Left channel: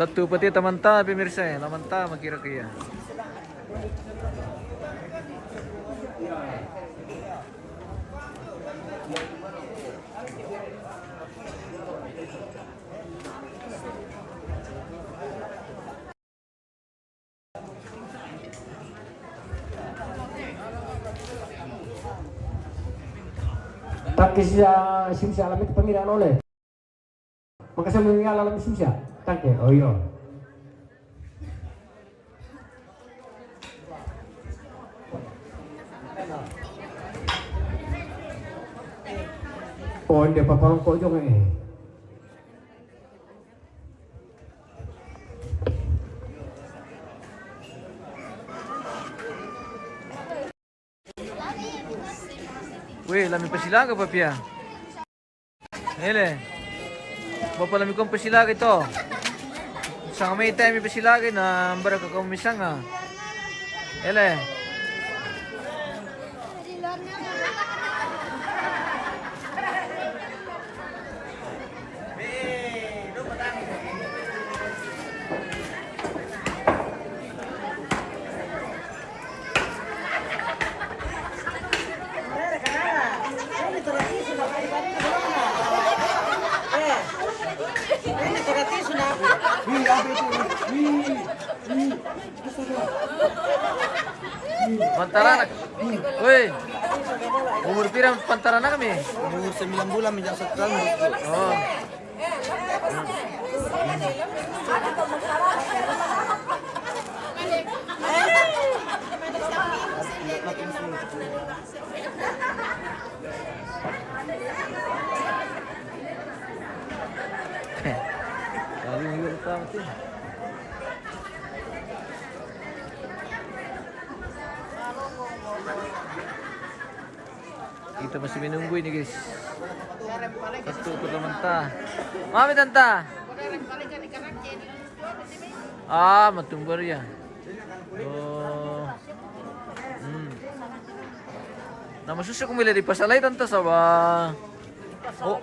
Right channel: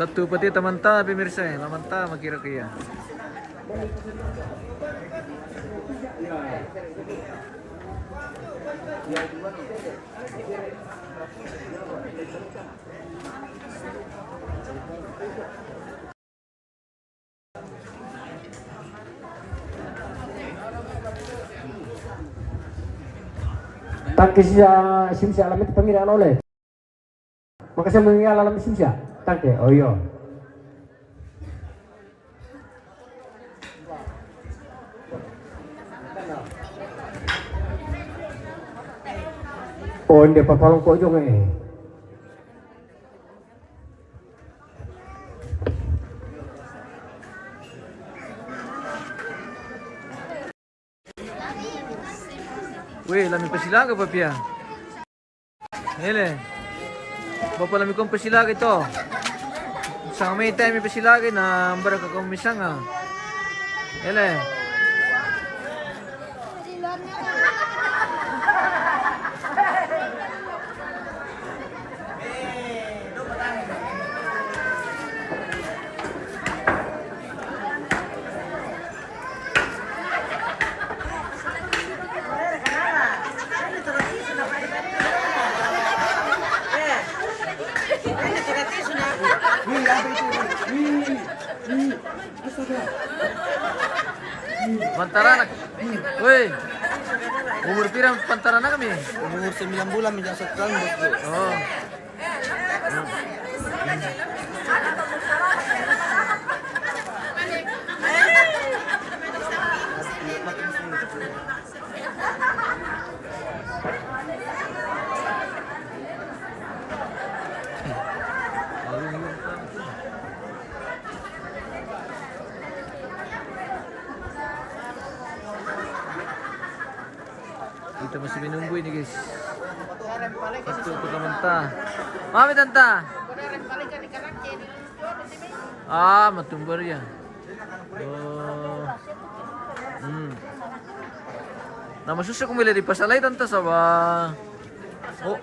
Satu peti tamanta pemirsa ya, lamanta makira kaya. Tangki simsia alamit pengiraan oleh. Maka saya mengingat alam simsia. Tangki, oh iya. Oh, ini papalong kok juga nih. Weh, lami pasilaga pa pia. Hele. Bapa lami kong pasilaga ito. Sang may time pasilaga na ambara ka kumisang ah. Hele. Pantaran. Woi. Umur pirang pantaran na kami? Umur 9 bulan menjak sekarang. Oh. Kita masih menunggu ini guys. Satu pertamanta. Mami tanta. Ah, matumbar ya. Oh. Nama susah kung mili di pasalay tanta sa ba. Oh.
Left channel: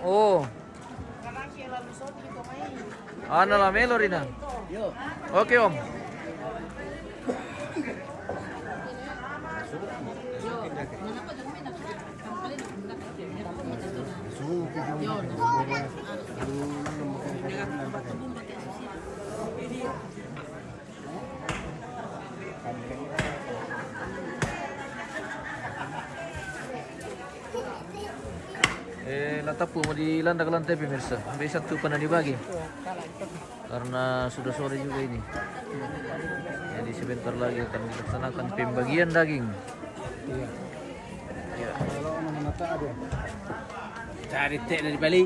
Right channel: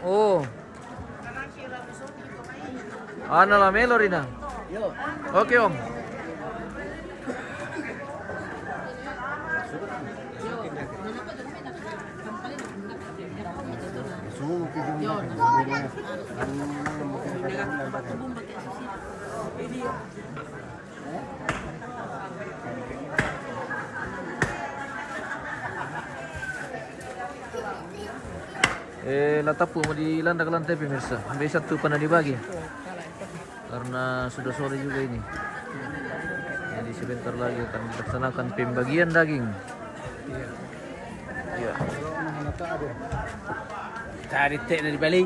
Oh. Ano la melo rin na. Okay om. Latapu mau di lantai pemirsa. Sampai satu pernah dibagi. Karena sudah sore juga ini. Jadi sebentar lagi akan dilaksanakan pembagian daging. Iya. Cari teh dari Bali.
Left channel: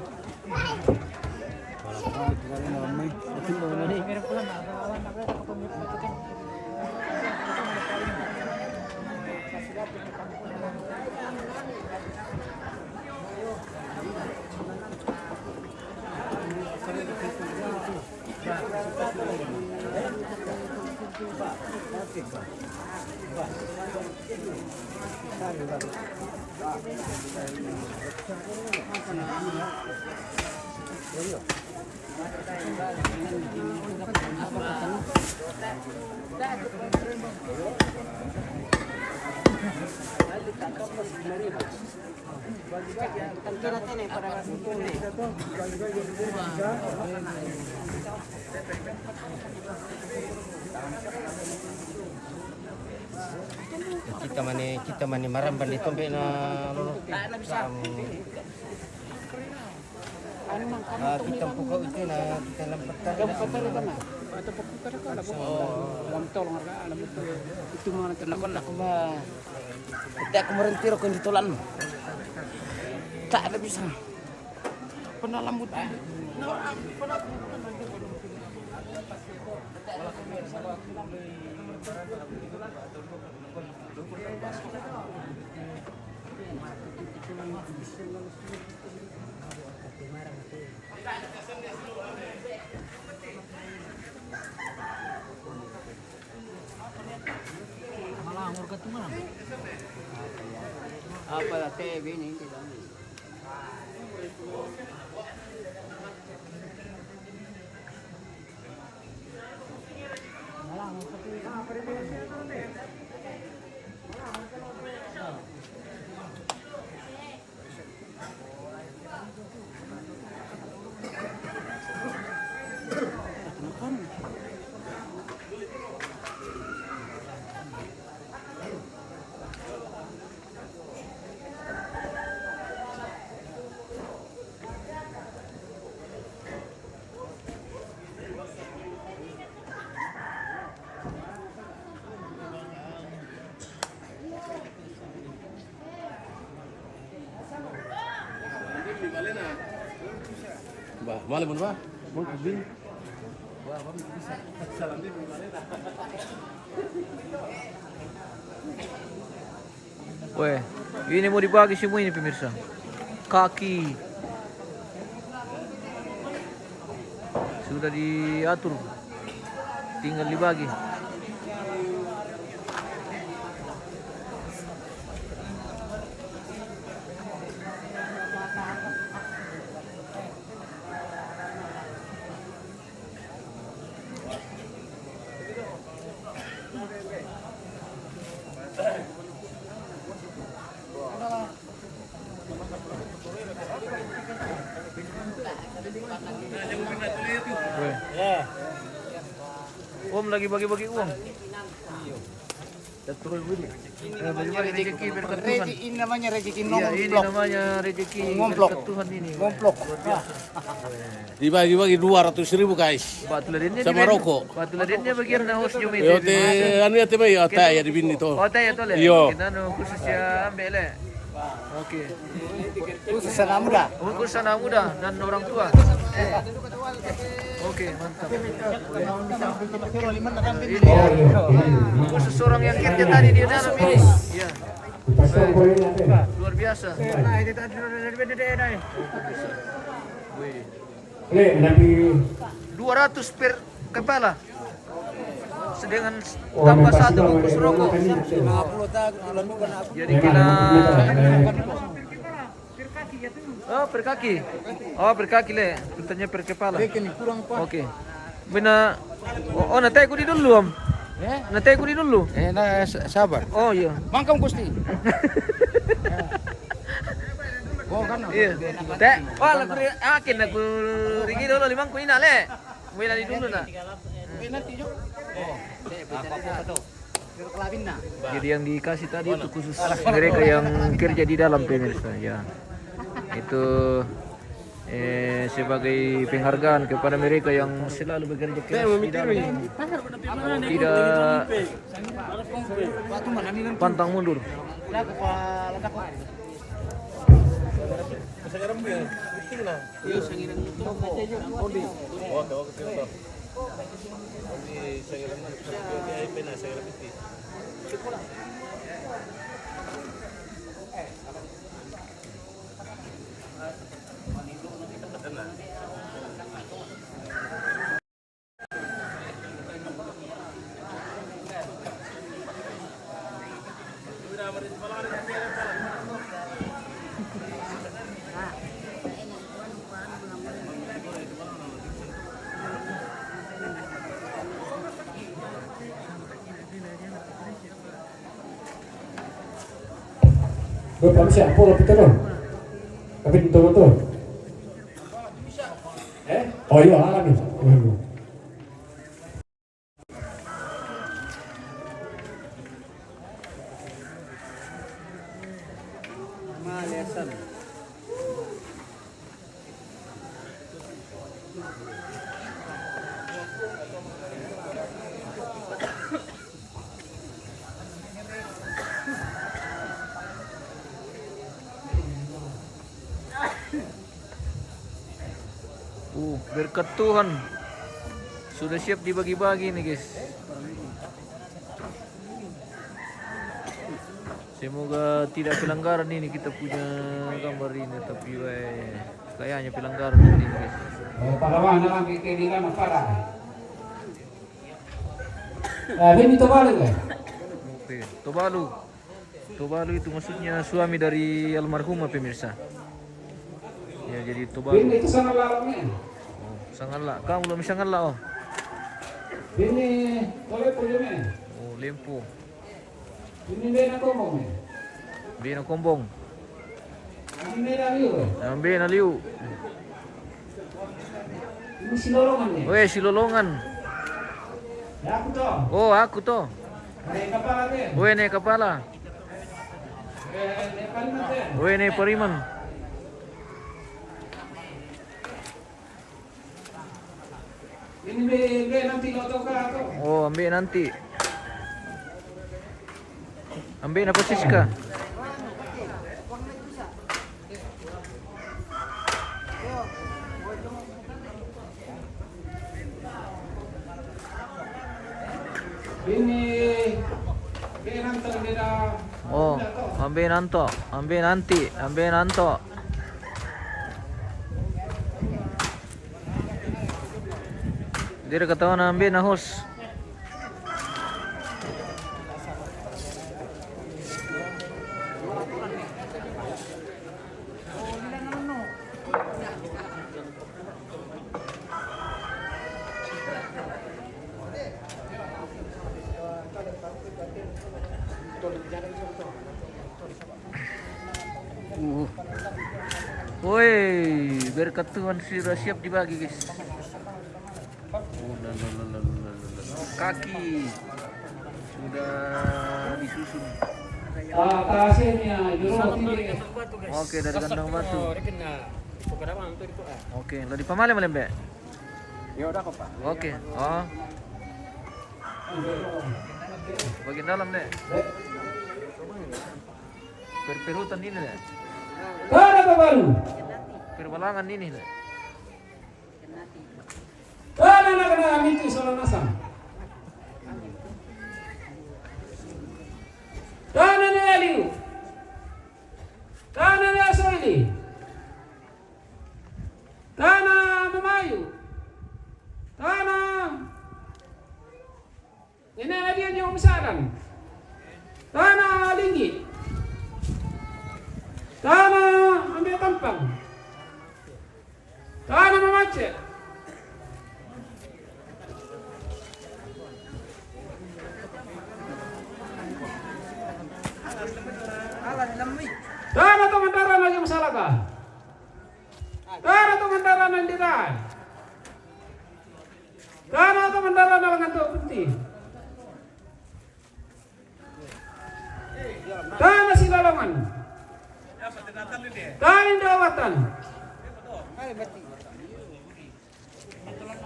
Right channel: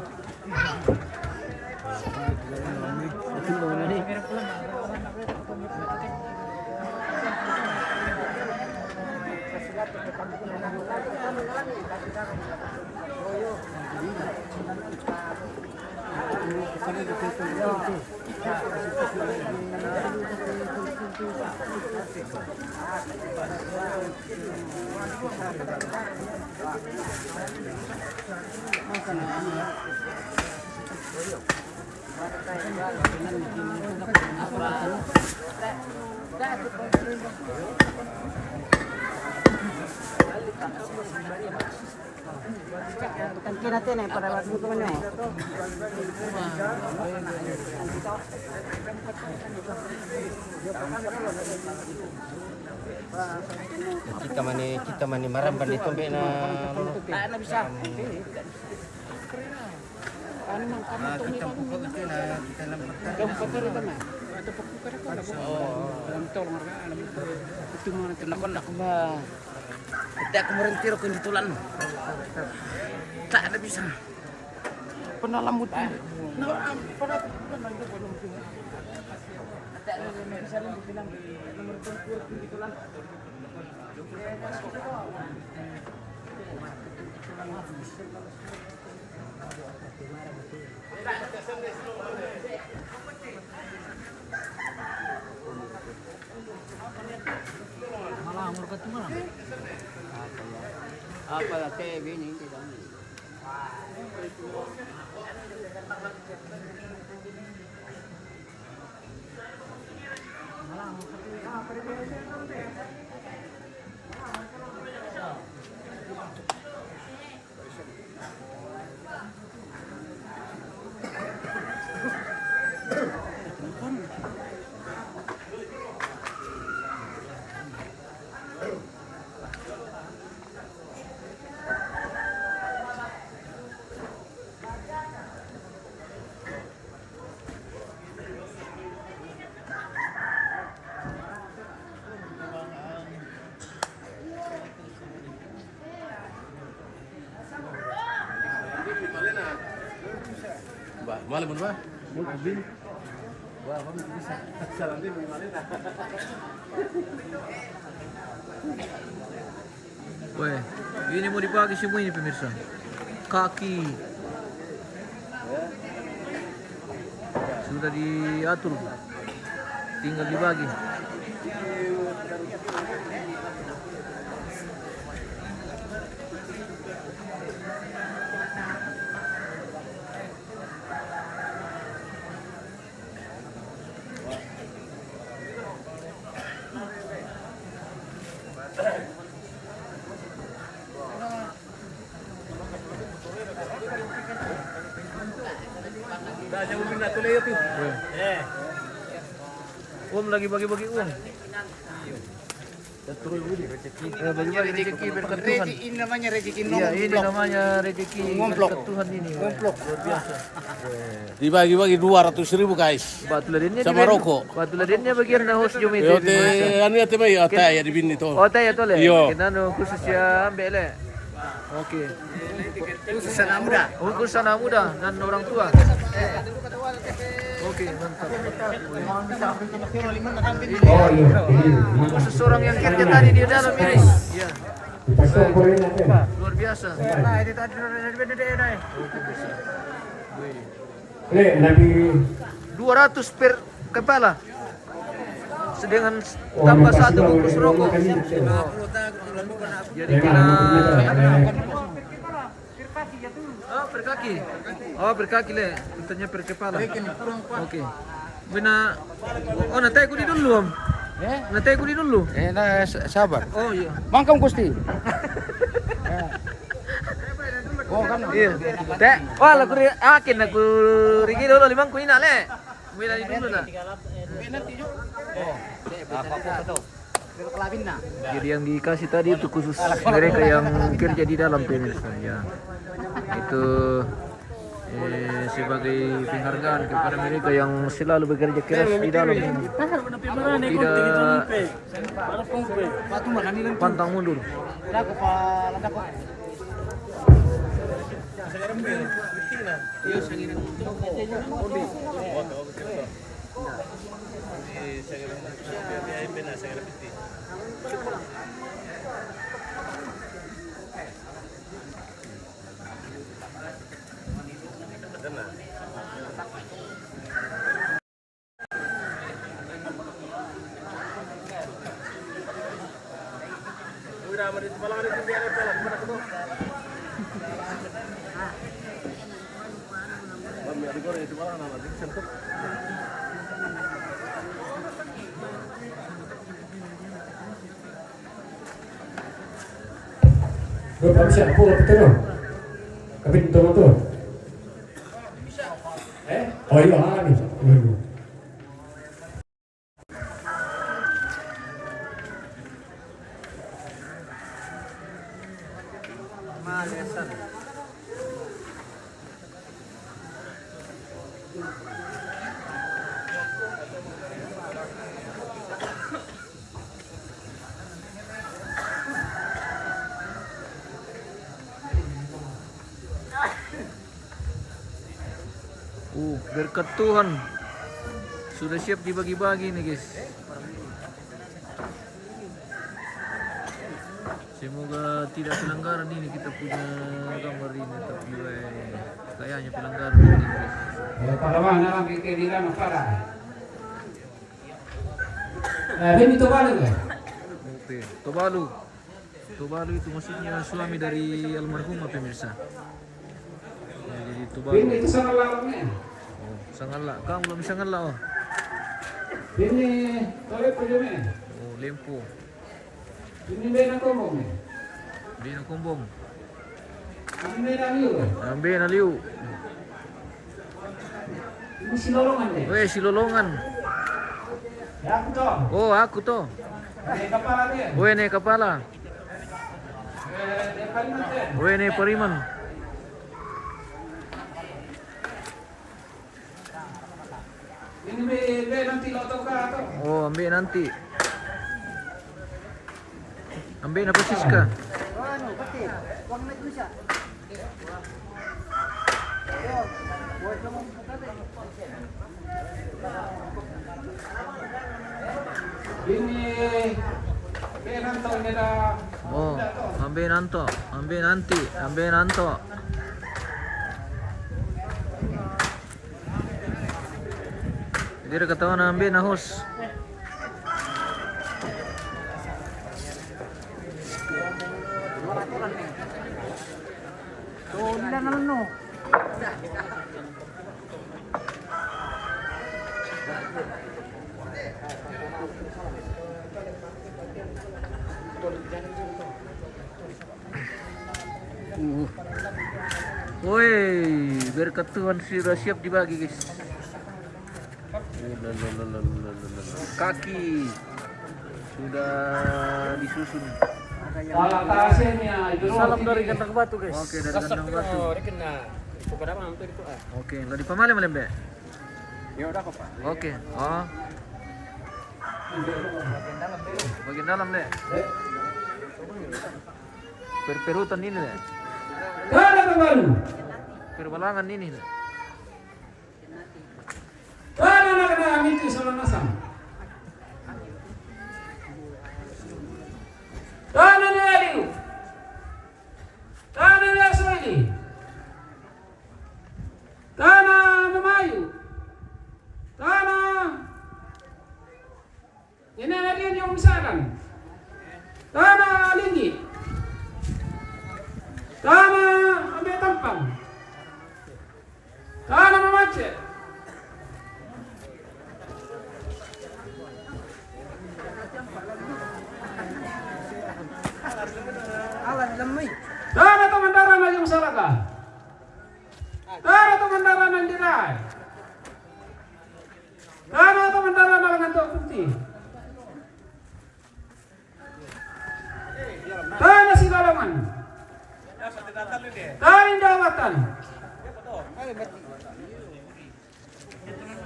Kita mani maramban dito be na lolo. Na bisa. Ano man kamo to mi ko ito na kita lang pagka. Paparita ma. Ato pagkukara ko labo. Alam tolong ra alam itu mo na nakon ako ba. Tidak ako mo rin tiro kun ditulan. Tak ada bisa. Penalamut. Malah umur ketua. Apa lah teh ini tidak. Malam ba? Weh, ini mau dibagi semua ini pemirsa. Kaki sudah diatur, tinggal dibagi. Weh. Om lagi bagi-bagi uang. Bagi-bagi rezeki berkat Tuhan. Ini namanya rezeki Iya, ini namanya rezeki berkat Tuhan ini. Luar biasa. Dibagi-bagi 200.000 guys. Batu ladinnya Sama rokok. Batu ladinnya bagian na host jom Yo itu. te anu ya te mai ata ya di bini to. Oh, tayo tole. Iyo. Kita no khusus ya ambil le. Oke. khusus anak muda. Khusus anak muda dan orang tua. Oke, mantap. Oh Ini iya. khusus orang yang kerja tadi di dalam ini. Iya. Pasok ko rin natin. Luar biasa. Wih. Ulit, lagi 200 per kepala. Sedangkan tambah satu bungkus rokok. Jadi kena per kaki. Oh, per kaki le. Tanya per kepala. Oke. Bina natay ko di dulu, Om. Natay ko di dulu. Nah, sabar. Oh iya. Mangkam Gusti. Oh kan. Iya. Teh, wala ko akin aku rigi dulu limang ko ina le. Wala di dulu na. Nanti yuk. Jadi yang dikasih tadi itu khusus mereka yang kerja di dalam pemirsa ya. Itu sebagai penghargaan kepada mereka yang selalu bekerja keras di dalam ini. Tidak pantang mundur. Belum siap, puluh betul loh. Kami betul-betul. Oh iya, alami. Berkat Tuhan sudah siap dibagi-bagi nih guys. Semoga tidak pelanggaran ini kita punya gambar ini, tapi kayaknya pelanggaran ini guys. Pahlawan dalam keinginan para. Ini Tobalu kan? Oke, Tobalu. Tobalu itu maksudnya suami dari almarhumah pemirsa. Ya, jadi Tobalu. Ini itu sangat lalangnya. Oh, sangatlah. Kamu belum sangatlah oh. Ini oleh perjalanan. Oh, Lempo. Ini bena kombong. Bina Kombong. Ini bena liu. Ambil na liu. Ini silolongan ya. Weh, Silolongan. Oh, aku to. Weh, ne kepala. Weh, ne Pariman. Oh, ambil nanti. Ambil apa Siska? Oh, ambil nanto, ambil nanti, ambil nanto. Dia ketahuan ambil nahus. Woi, biar ketuan sudah siap dibagi guys. Kaki sudah disusun. Salam dari Kandang Batu guys. Oke, dari Kandang Batu. Oke, lo di pamale malembe. Ya udah kok Pak. Oke. Oh. Bagian dalam deh. Perperutan ini deh. Tanah baru. Perbalangan ini deh. Tanah nak itu salah nasam. Tanah ni aliu. Tanah ni asmili. Tanah memayu. Tanah. Ini ada dia yang misalkan. Tanah tinggi. Tanah ambil tampang. Tanah memacet. Tanah tu mendaran aja masalah kah? Tanah tu mendaran yang dirai. Tanah tu mendaran dengan tok putih. Tanah Sidalaman. Tanah Dawatan.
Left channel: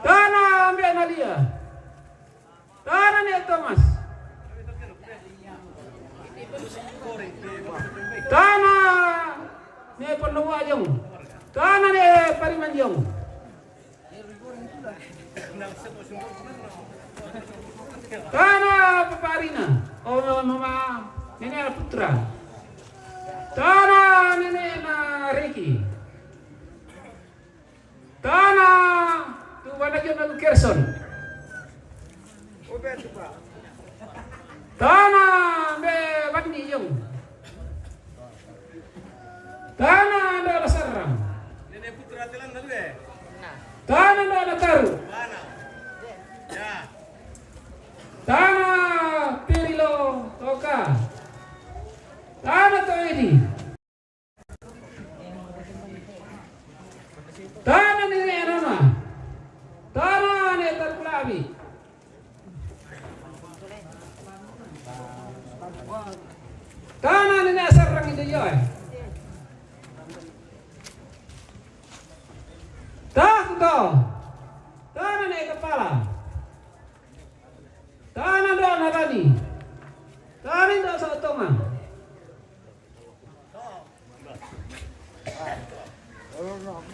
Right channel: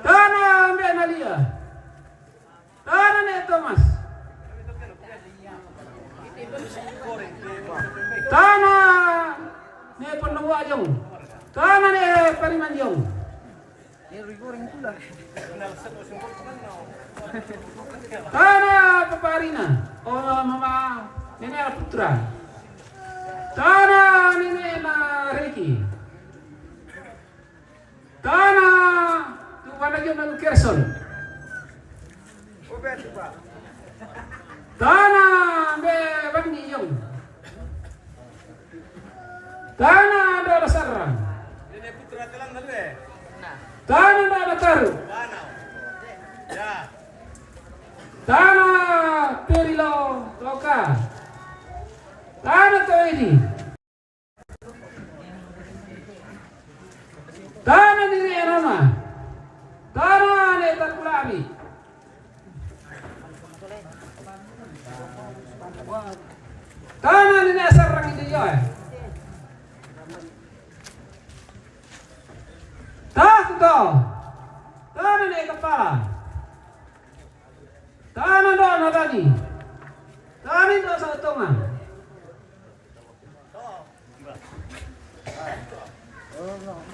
Tanah Mbak Nadia. Tanah Nek Thomas. Tanah Nek Pendawa Jong. Tanah Nek Pariman Jong. Tanah Paparina. Oh Mama Nenek Putra. Tanah Nenek Riki. Tanah tu pada Jonal Kerson. Tanah Be Bandi Jong. Tanah Dara Sarang. Tanah Dara Taru. Tanah Perilo Toka. Tanah Toedi. Tanah Nire Rama. Tanah Netat Pulabi. Tanah Nire Sarang itu ya. Tah kau. Tanah Nire Kepala. Tanah doang tadi. Tanah doang sautongan.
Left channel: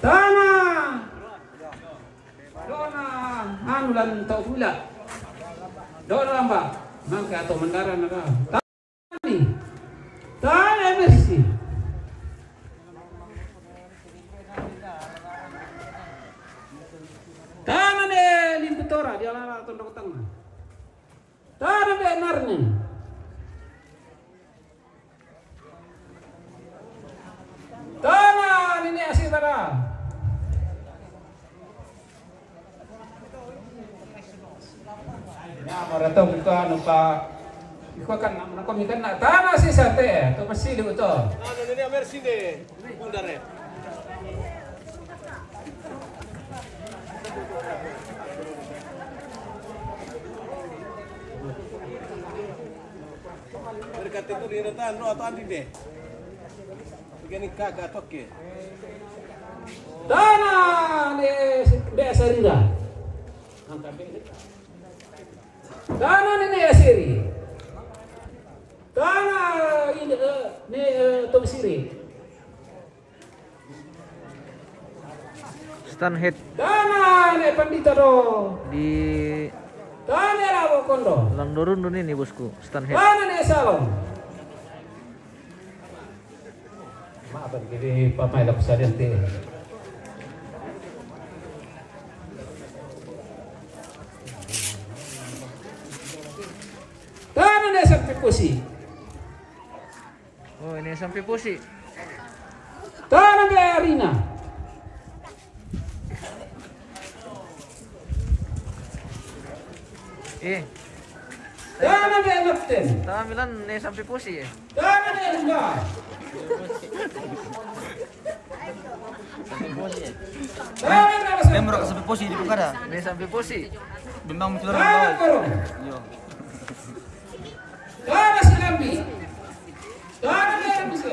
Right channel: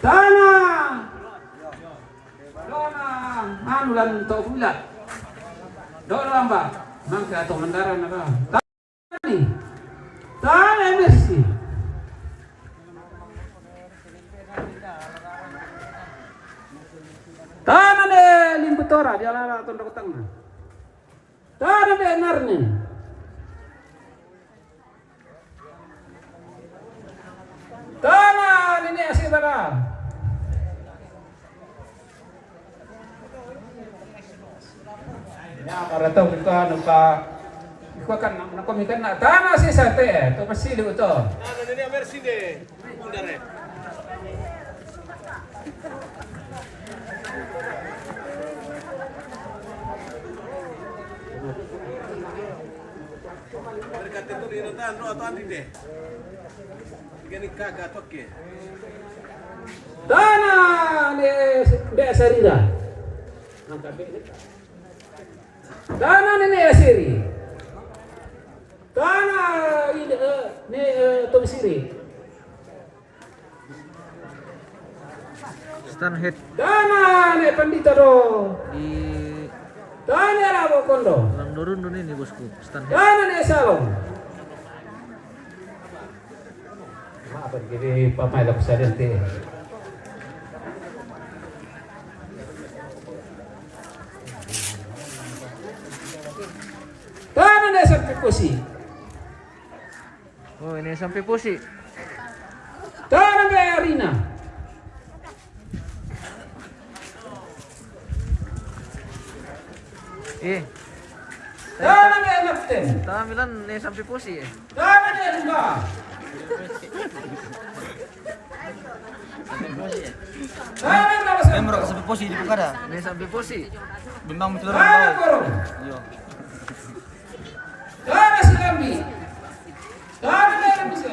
Tanah doang anulan tau pula. Doang lamba. Mangka atau mendaran ada. Tani. Tanah bersih. Tanah de limbutora dia lara tondok tengah. Tanah benar nih. Tanah ini asing pada. Nah, para tahu kita nampak. Iko kan nak komitan nak tanah sih sate, tu pasti lu tu. Nah, ini amersi deh, bundare. tentu di nanti Andro atau Andi deh. Begini kagak toke. Dana ne sarira. Dana ne asiri. Dana ne tobisiri. Stand head Dana ne pandita do. di Dana rabo kondo. Lang Dorundun ini bosku, stand head. Dana ne salon. Apa jadi pamain lah pesadian teh. Dana ne sampai kusi. Oh, ini sampai posi. Dana ne arena. Dana ne kapten. Tamilan ini sampai posi eh. Dana ne lomba. Dana ne kapten. Memang sampai posisi di Bukada. Ini sampai posi. Bimbang muncul orang Dana bawah. korong. Yo. Dana silambi. Dana ne bisa.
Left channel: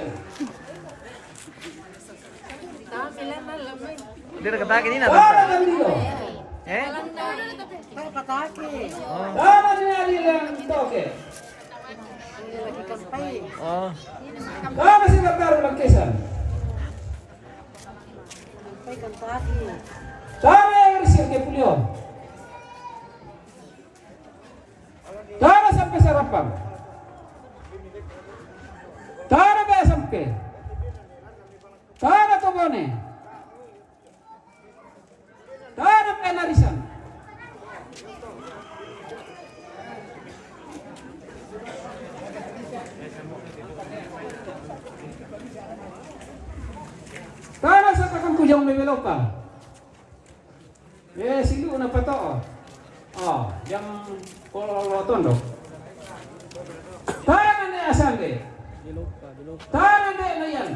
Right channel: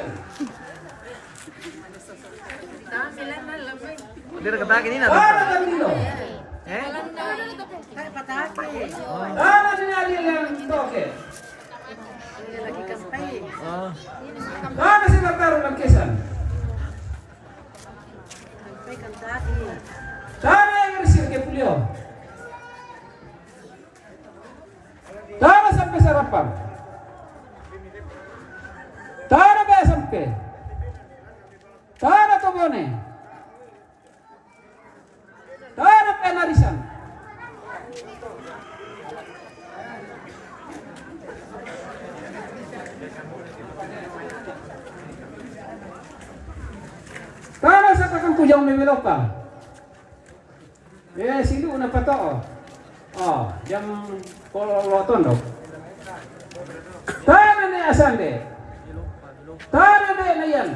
Dia ketaki ini Dana nada. gandio. Eh? Dana dinali lang toke. Oh, Dana si baru lang kesan. Dana yang bersih ke puliau. Dana sampai sarapan. Dana kaya sampai. Dana tobone. Dana penarisan. Dana sa takang kujang memeloka. Silu na pato. Oh, jam kololoton do. Dana ne asande. Dana ne nayan.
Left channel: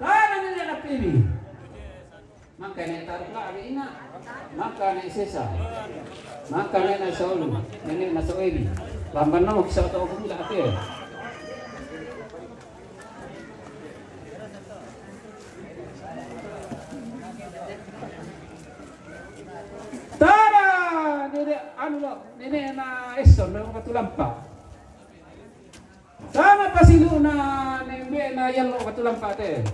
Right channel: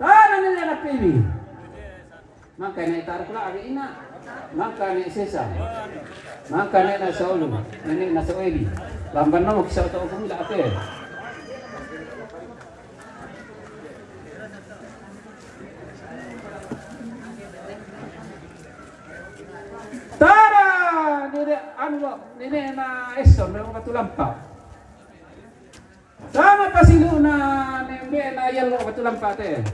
Dana ne na pibi. Maka ne taruh lagi ina. Maka ne sesa. Maka ne na saulu. Ne na soeli. Lamban no kisah to ko mila ate. Tara nene anu nene na eson na katulampa. Sama pasilu na nene na yelo katulampa te.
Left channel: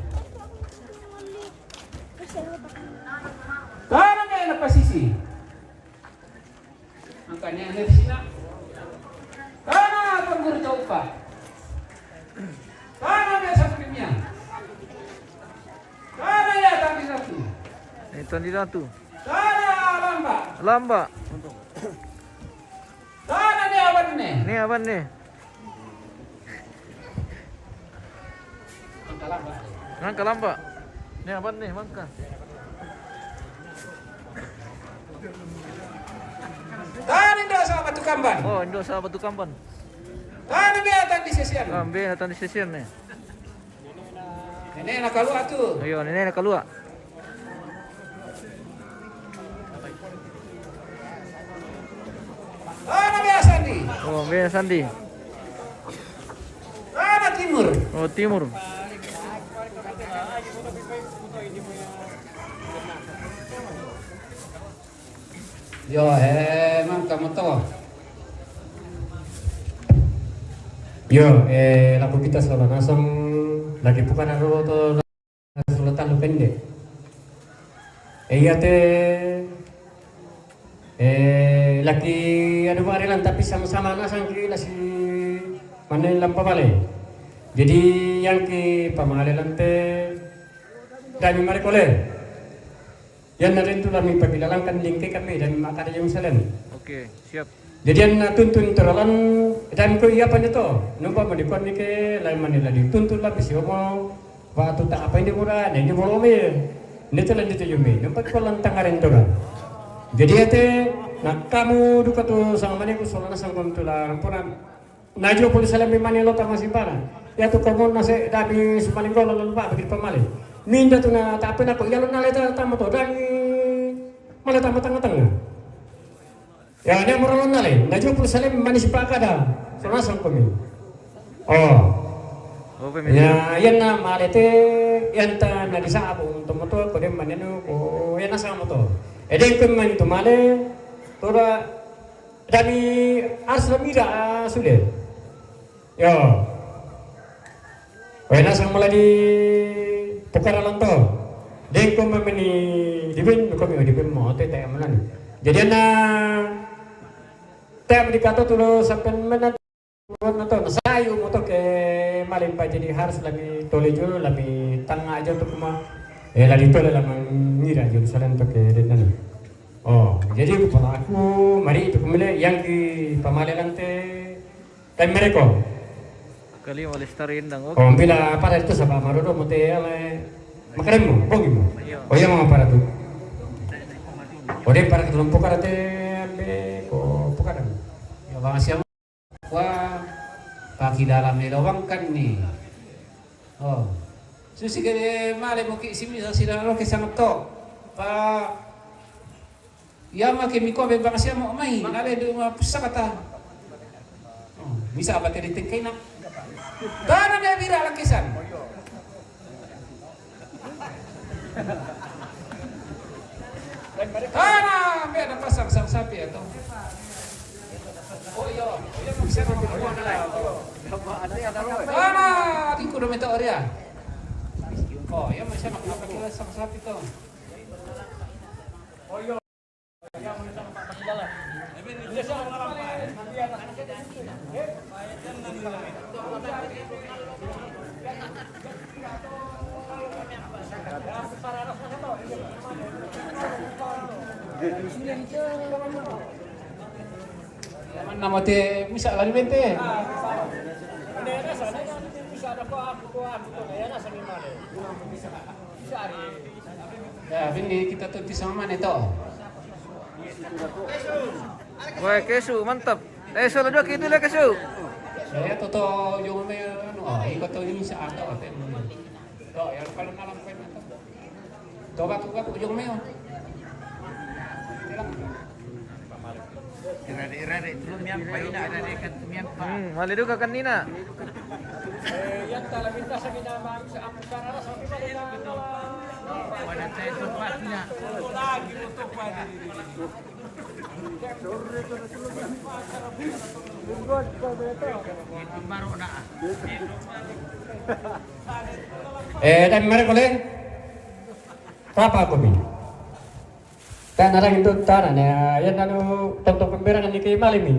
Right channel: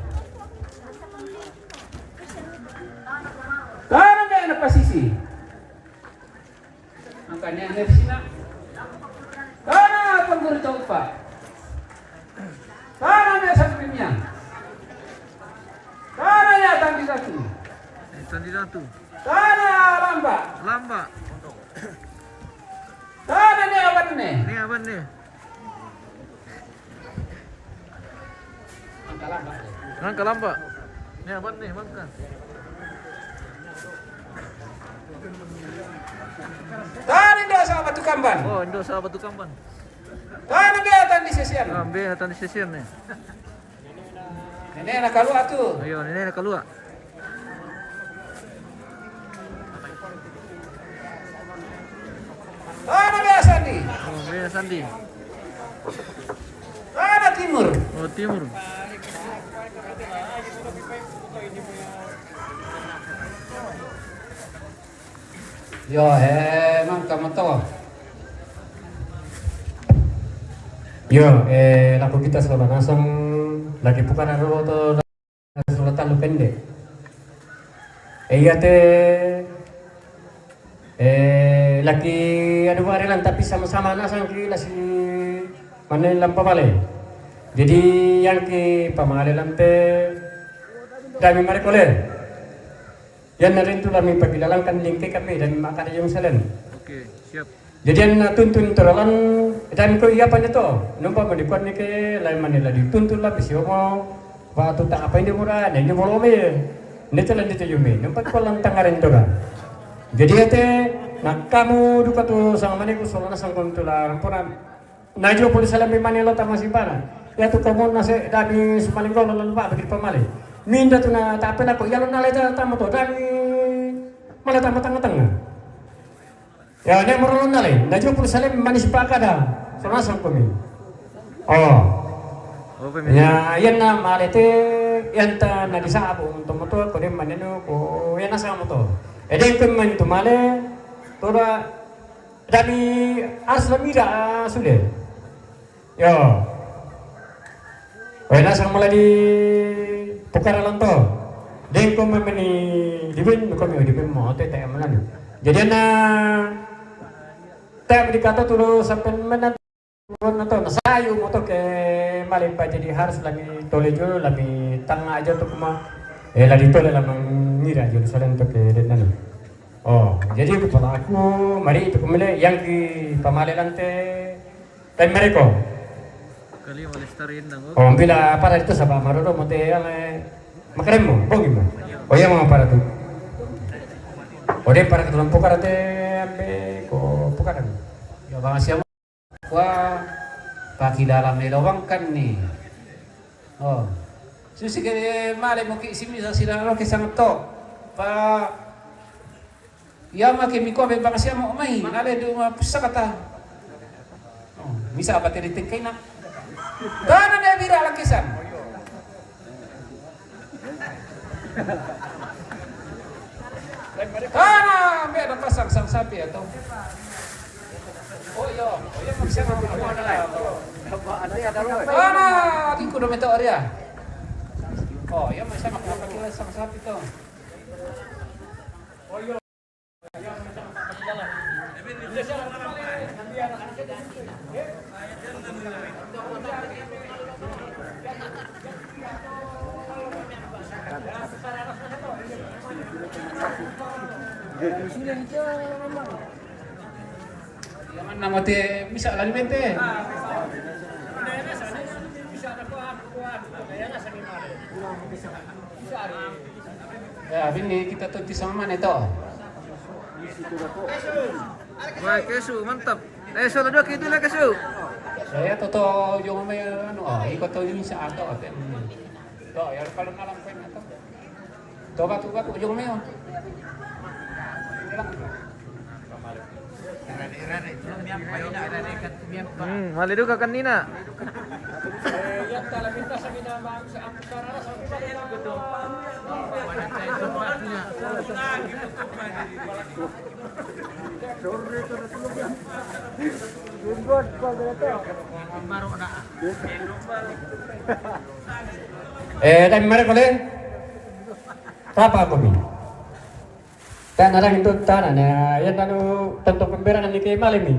Tara na pasisi. Ang kanya enersina. Tara pag ganito pa. Tara na sa pinya. Tara ya kandidatu. itu tidak tuh. Tara lamba. Lamba. Tara ne awan ne. Ini apa nih? Ngangka lamba. Ini apa nih, mangka? Tara nda sa batu kamban. Oh, Indo sa Batu Kampan. Tara be atan di sesian. Ambil datang di stasiun nih. Nene na kalua tu. Ayo, ini nak keluar. Tara be asandi. Oh, ambil Sandi. Tara timur. Oh, timur. Yo, nang kamato. Yo, lagu kita selama langsung lagi bukan anu atau selatan pendek. Iya lagi anu varian tapi sama-sama nasang ki nasi mana lampa balik. Jadi yang ki pamale lampe kami mari koleh. Yan na rin tulang may pagkilalangkan lingke kami dan makan yung salan. Oke, siap. Jadi yang tuntun teralan dan ko iya pa nito. Nung pa manikuan ni ke lain manila dituntun lah bisi mo. Waktu tak apa ini murah, dan ini mau me. Nito lang dito yumi. Nung pa ko lang tangarin to ka. Jadi ate nak kamu duka to sang maniku solana sang kuntulang pura. Najo puli salam mi manila tama simpana. Ya tu kamu nase dami sumaling ko lalu pa bagi pamali. Minda tu na tapi na ko yalo na leta tama to dami malah tama tengah-tengah. Ya, ini meron na rin. Najo puli salam manis pa kada. Solana sang kumi. Oh. Oh, pemilih. Ya, yan na malete yan ta na di sa ako to moto ko din maneno ko yan na sa moto. Eden ko man tumale tora dami aslamira sudah. Yo. Wena sang mula di pukara lang to. Den ko man ni dibin ko mi dibin mo te te manan. Jadi na tap di kata tulo sampai menat na to nasayo mo to ke malin pa jadi harus lagi tole jo lagi tanga aja to kuma lagi tole lamang ngira jo salan to ke denan. Oh, jadi kepala aku mari itu kemile yang di pamalelan te time mereka. Kali wala starin dang. Oh, bila para itu sabah marodo mo te makarem mo, bogi mo. Oh, ya mga para tu. Ode para ketulang pokar te ambe ko pokaran. Ya bang siapa? Wah, kaki dalam lubang kan nih. Oh, susi kene male mo ki simi sa sila ro ke sangat to. Pa ya make mi ko be bang siapa mo mai, ngale do ma pusakata. Oh, bisa apa tadi tingkai na. Dana dia viral kisan. Kana, be ada pasang sang sapi atau oh iya maksudnya apa nilai? Di kudu meteor ya. Oh iya masih nak pakai sang sapi tuh. Oh iya. Nama teh bisa lagi bente. Ya, ini kita tuh sama mana itu? Wah, kesu mantap. Sudah dua gitu lah kesu. Saya tuh yung may ano, ikot to yung sa ato. To, ya kalau malam ko na to. To ba yung may. Malido ka kanina. Yan tala minta sa ginamang sa ampusara sa pimali na wala tayo tupat niya. Dan mereka boleh apa aku bi? Kan orang itu tanah ya, yang lalu tentu pemberangan di malam ini.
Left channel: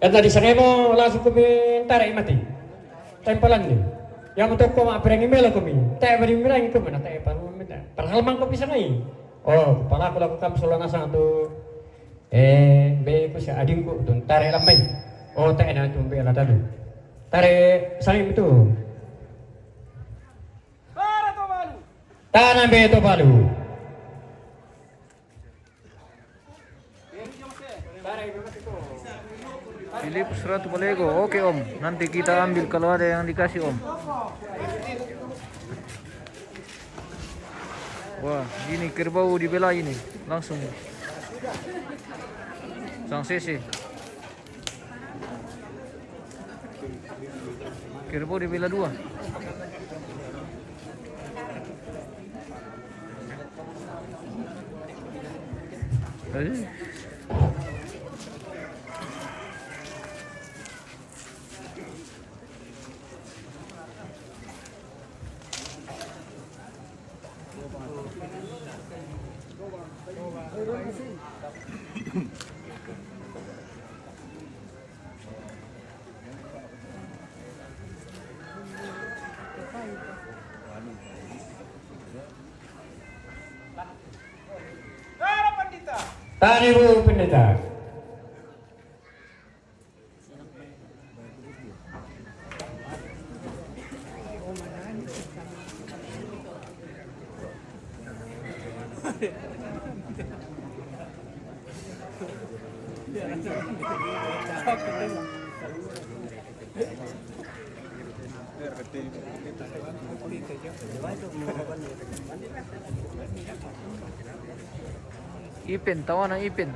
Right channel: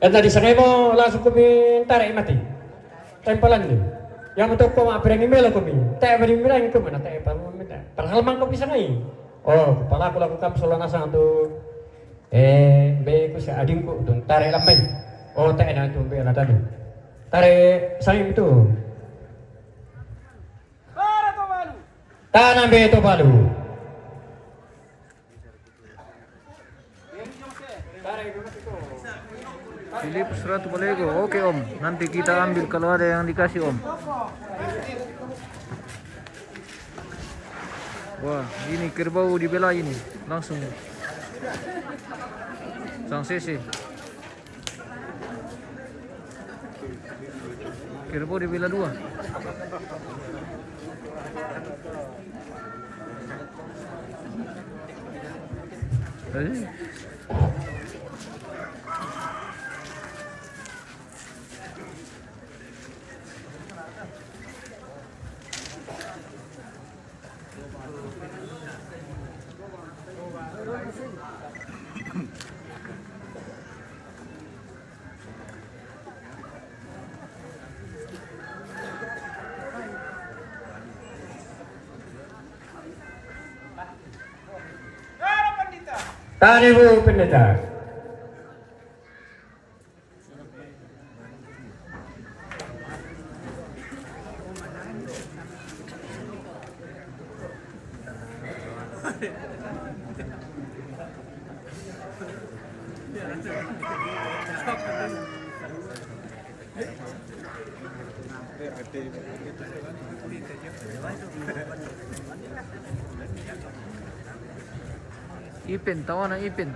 Dan tadi saya mau langsung kami tarik mati. Tempelan ni. Yang untuk kau apa yang email aku mi? Tak beri email itu mana tak apa minta. Padahal mang kau bisa ngai. Oh, kepala aku lakukan solana sang tu. Be aku si adingku tu tarik lambai. Oh, tak enak tu be lah tadi. Tarik sang itu. Tanah be itu balu. Pilih 100 Lego. Oke om, nanti kita ambil kalau ada yang dikasih om. Wah, ini kerbau dibela ini langsung. Sang CC. Kerbau dibela 2. Tadi bu pendeta. Ipin, tawa ng ipin.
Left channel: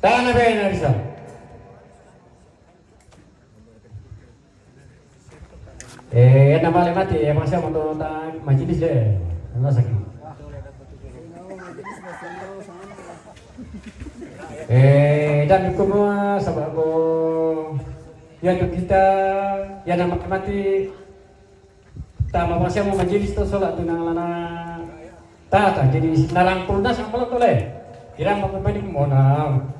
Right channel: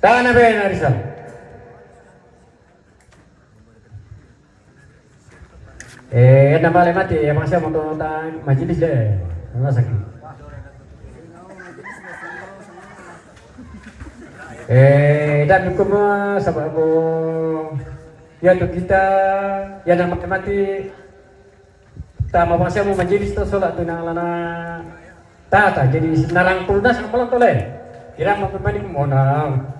Tanah Ben Arisa. Nama mati ya masih mau tentang majelis deh. Nggak sakit. Dan hukum sama mo ya untuk kita ya dan mati tama masih mau majelis tu solat tu nang lana tata jadi narang purdas kalau tu le. Kira mau pemain mau nang.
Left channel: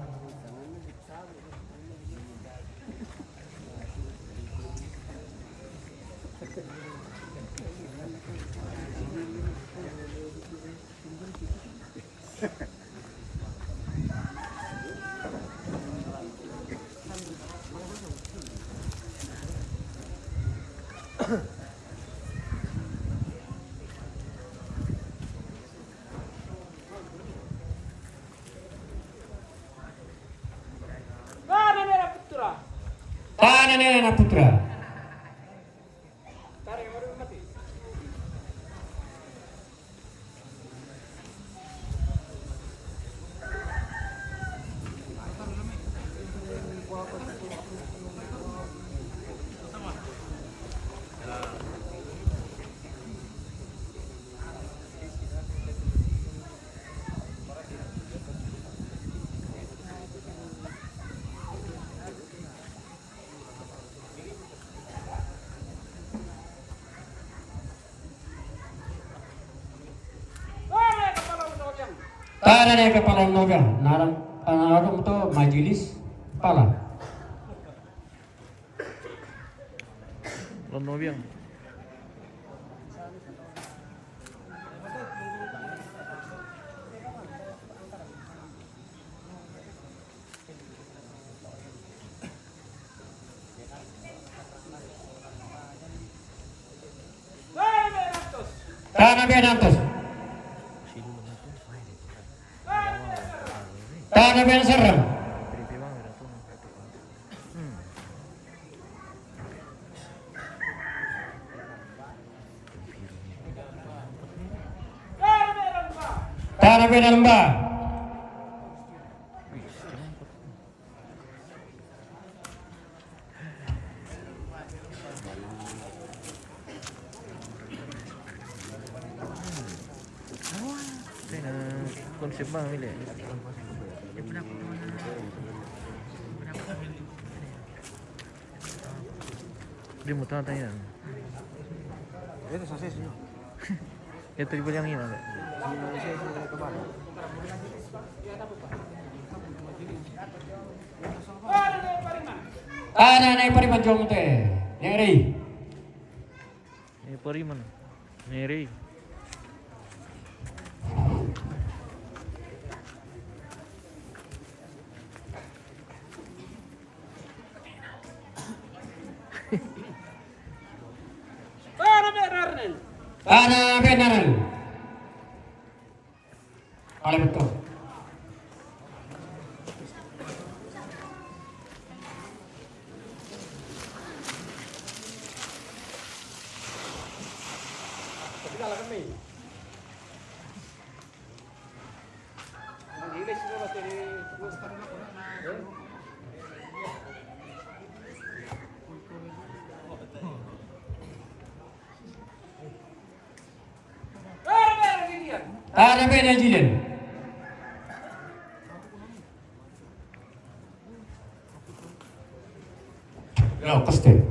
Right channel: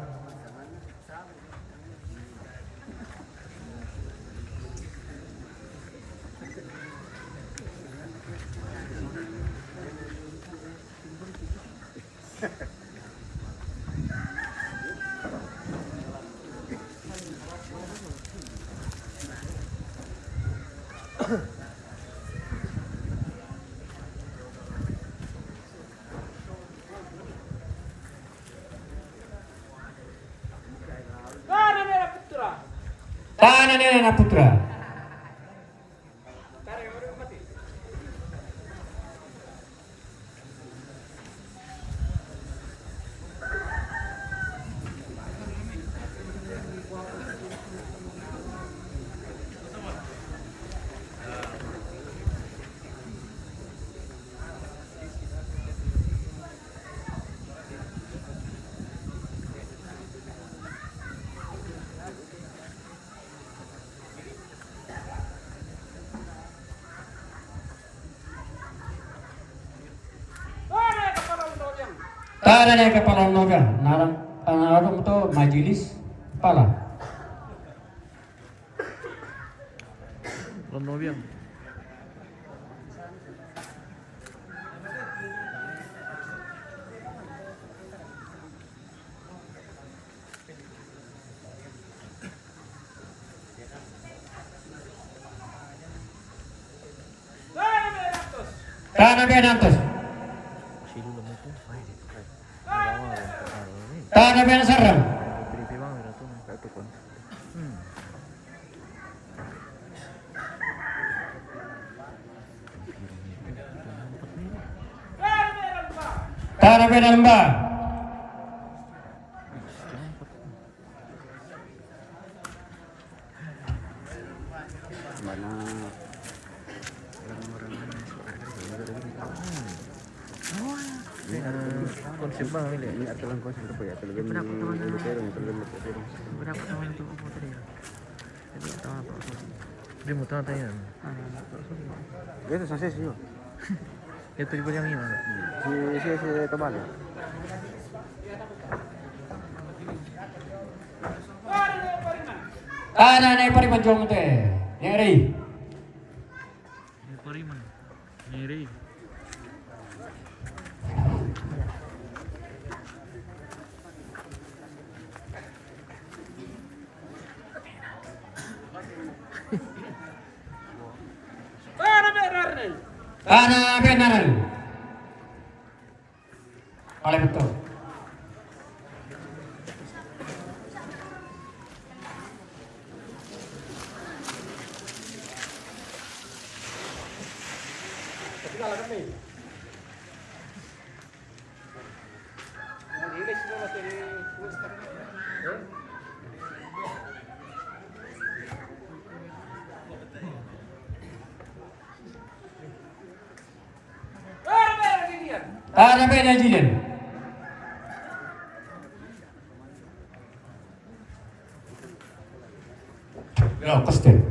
Tanah Nena Putra. Tanah Nena Kepala Noga. Narang itu majelis kepala. Lonobiang. Tanah Benantos. Tanah Ben Serang. Tanah Ben Lembah. Konsep bang ini. Berapa tahun itu putri? Dia mau tanya. Itu sosis sih. Itu di yang ini ada. Si teman. Tanah Nena Pariman Jong teh. Ngeri. Ini Pariman. Nyeri. Tanah Benaran. Oleh betul. Tanah Benajilen. Ya, pasti.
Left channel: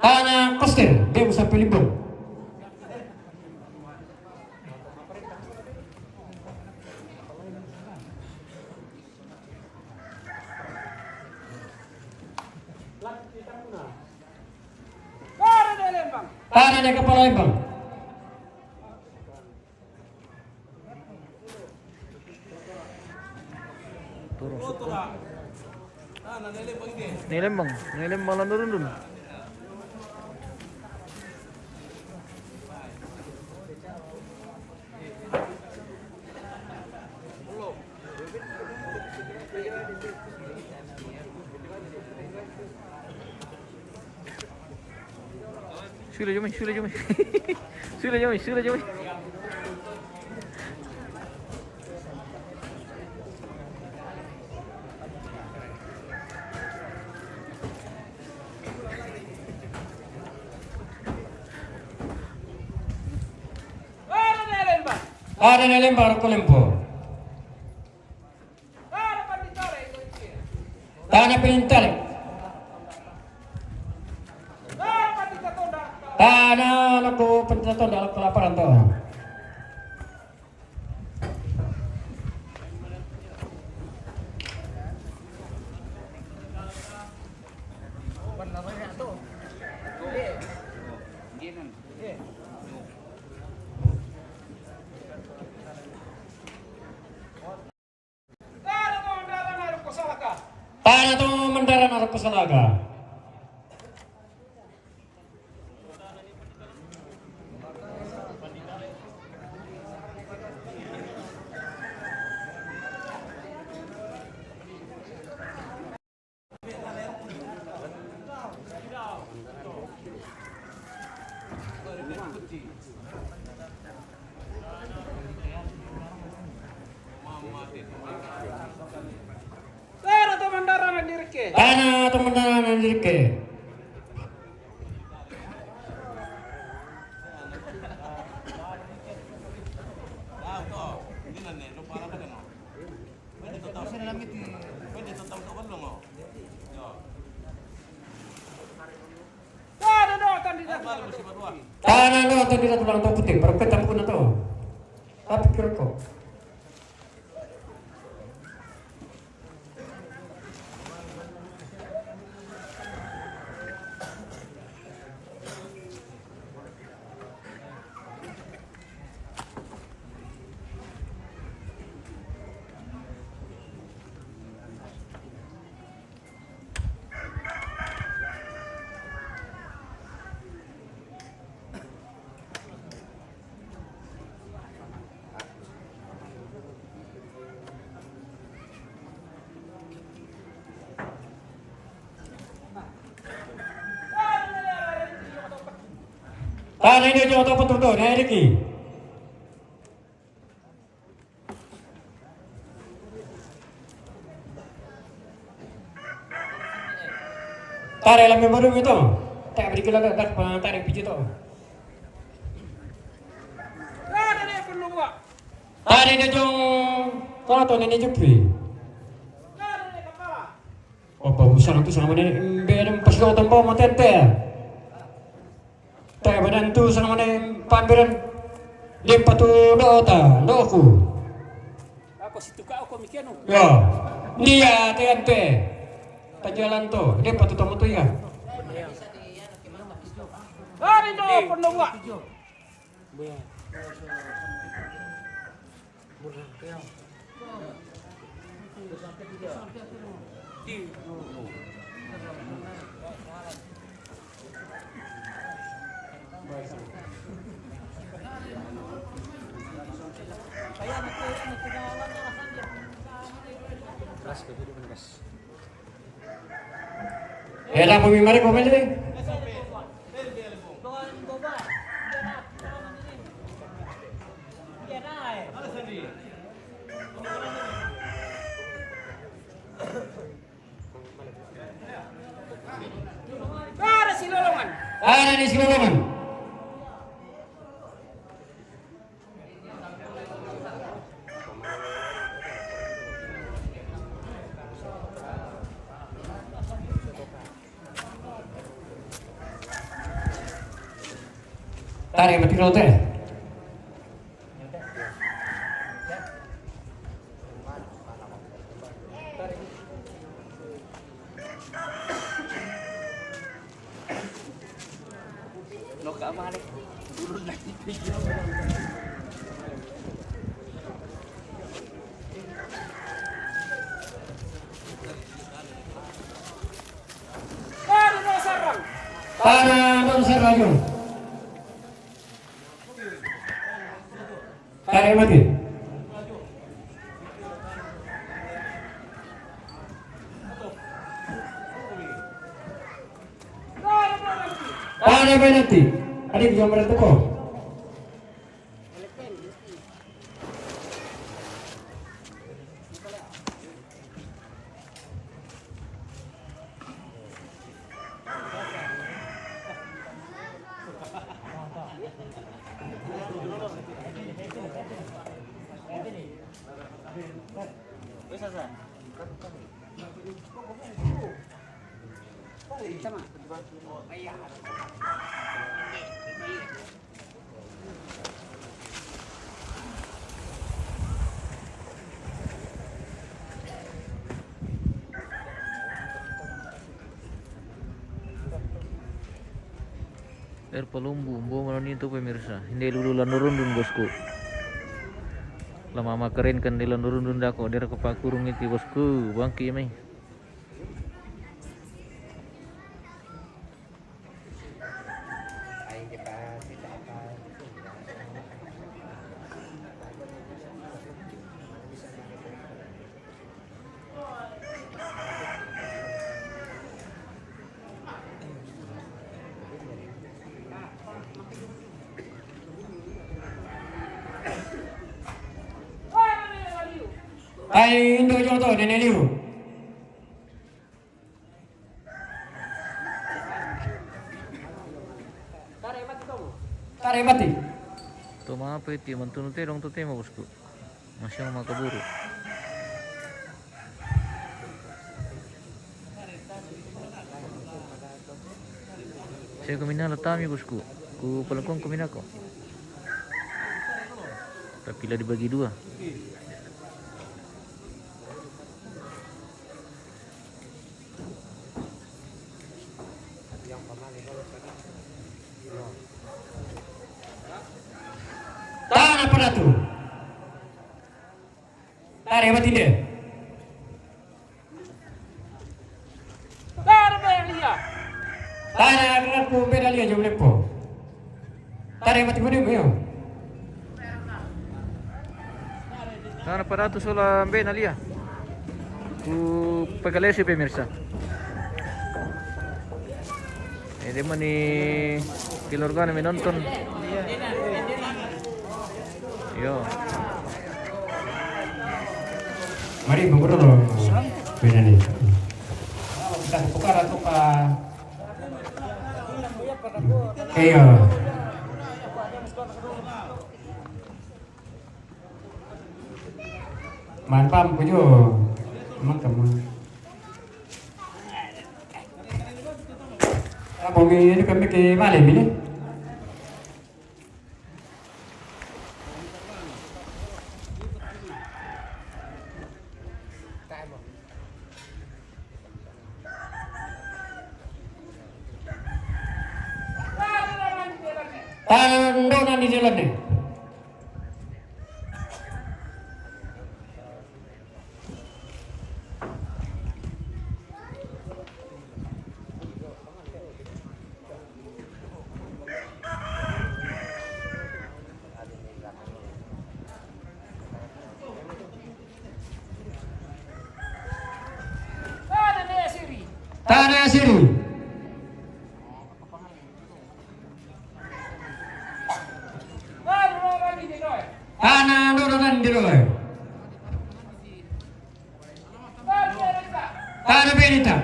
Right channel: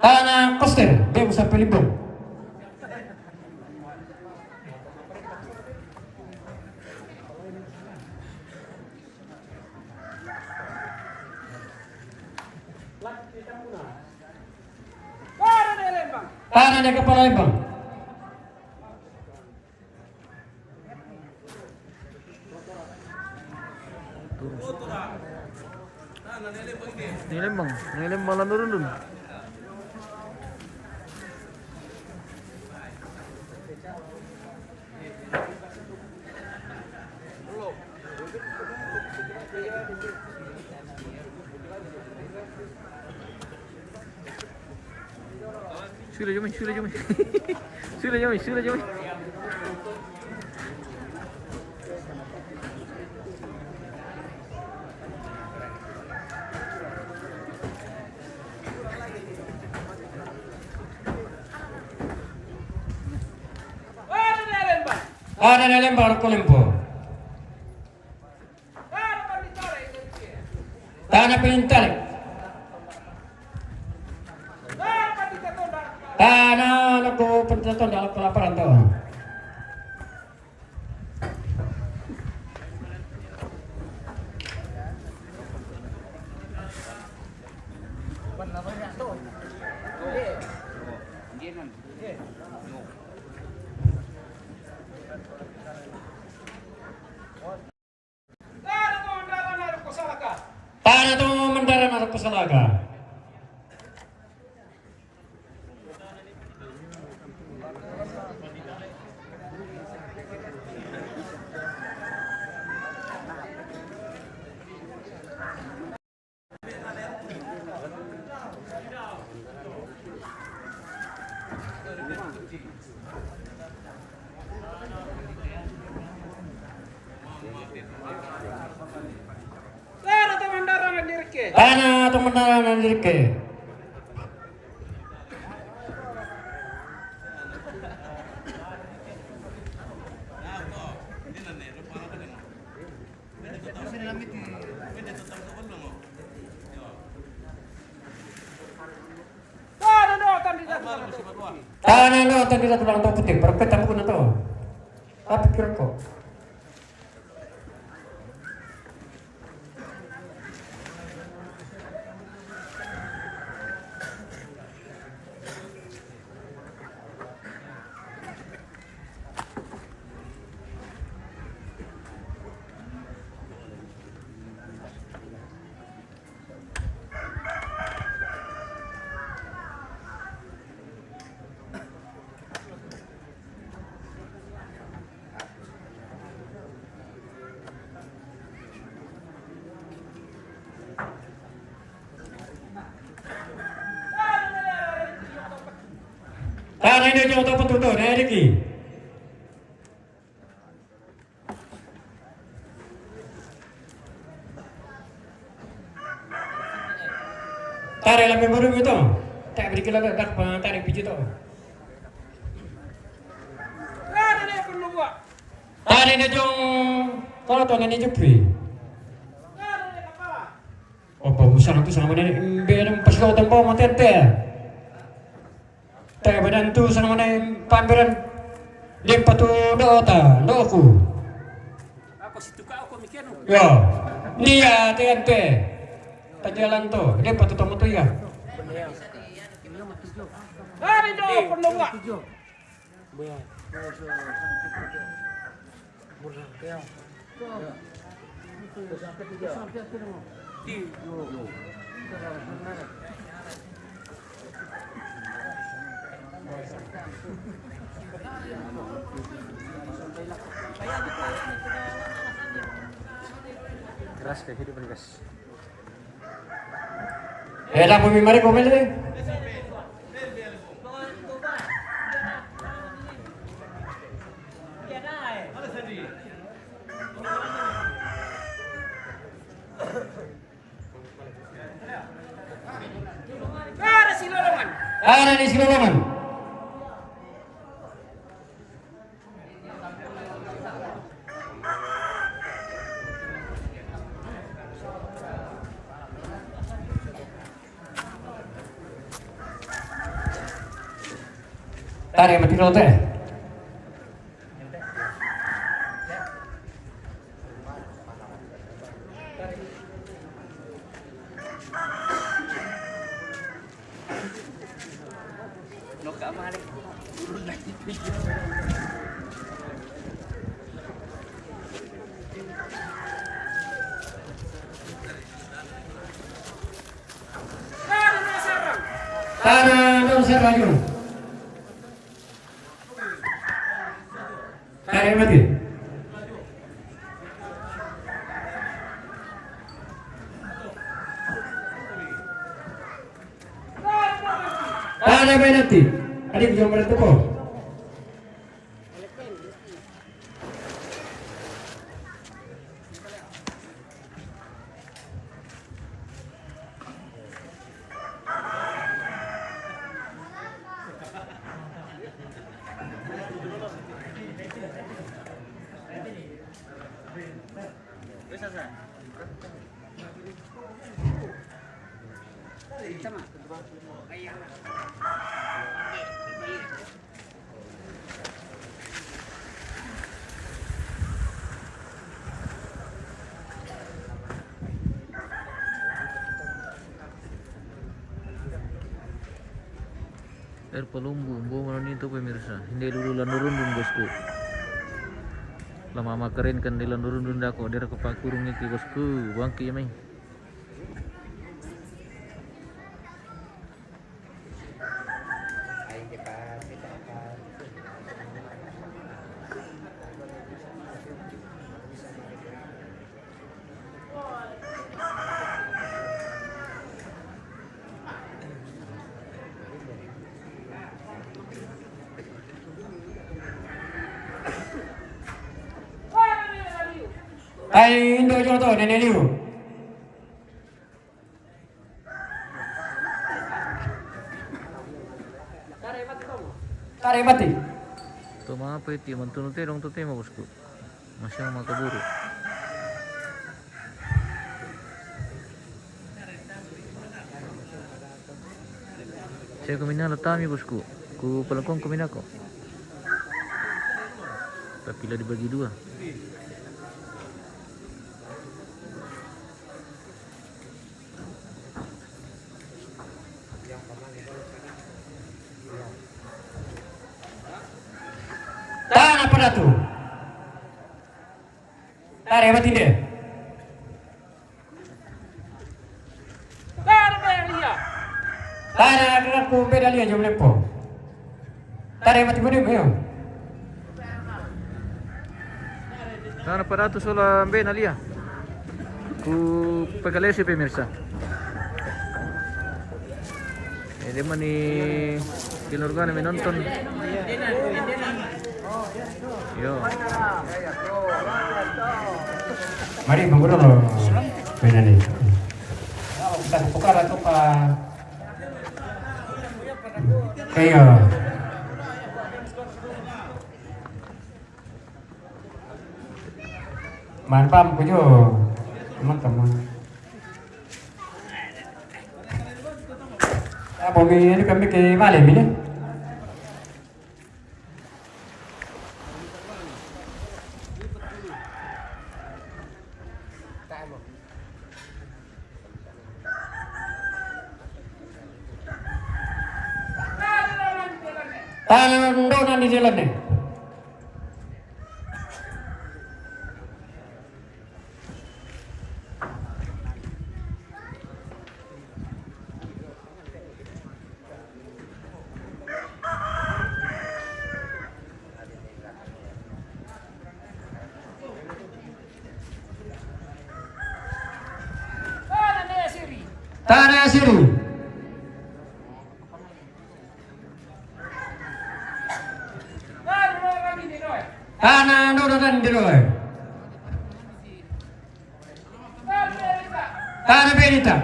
Tanah Koster, dia bisa pilih bom. Tanah Nena Kepala Lembang. Nilembang lah turun dun. Sudah Jumi. Sudah Jumi. Ada na lempar ko lempo. Tanah pintarik. Tanah naku pencaton dalam kelaparan to. Tanah tu mendarat naruh kesalaga. Tanah tu mendarat nandirke. Tanah no tadi dah tulang tu putih, perketan pun tu. Apa kira kau? Tanah ini jauh tu betul tu, naik lagi. Tarik lah memang baru itu, tak beri kita tak tarik biji tu. Tarik ini jauh, kalau tu ni jepi. Oh, bagusan tu sama ni, biar pas kau tambah mau tente. Tak badan tu sama ni pameran lempa tu dota, doku. Ako situ ka ako mikeno. Ya, ni ya TNT. Tak jalan tu, lempa tu tamu tu ya. Hari do pendowa. Ela mau mimari komen ni. Ada silolongan. Ada di Silolongan. Tarik mati rote. No ka mare. Urun na tipi. Tanah non serayun. Tarik mati. Ada penalti. Adik jom berapa kok? Air Palumbu, malam itu pemirsa. Hindi lululan nurundun bosku. Lama makarin kan dilan nurundun dako. Dira kepakurung iki bosku. Bangki may. Ay, Indo Joto, nenek liu. Tarik mati. Tuh apa itu? Mantunut dong tuh tema bosku. Masih mau makaburu. Saya kumina latami bosku. Ku pelengkong kumina ko. Tapi lah dibagi dua. Tahan apa dah tu? Tarik mati dia. Tahan aku beda lihat jom lepo. Tarik mati mana yo? Sana aparato sola ben alia. Ku pagalesi pemirsa. Ini mani kilorgan menonton. Yo. Mari mengulang benar ni. Kita tukar atau ka? Iya. Mantap pujo. Teman-teman. Bumi ini kami ke malam ini. Tandonan di jalan ni. Tanah Siri. Tanah Nurunan Diroy. Tanah Benita.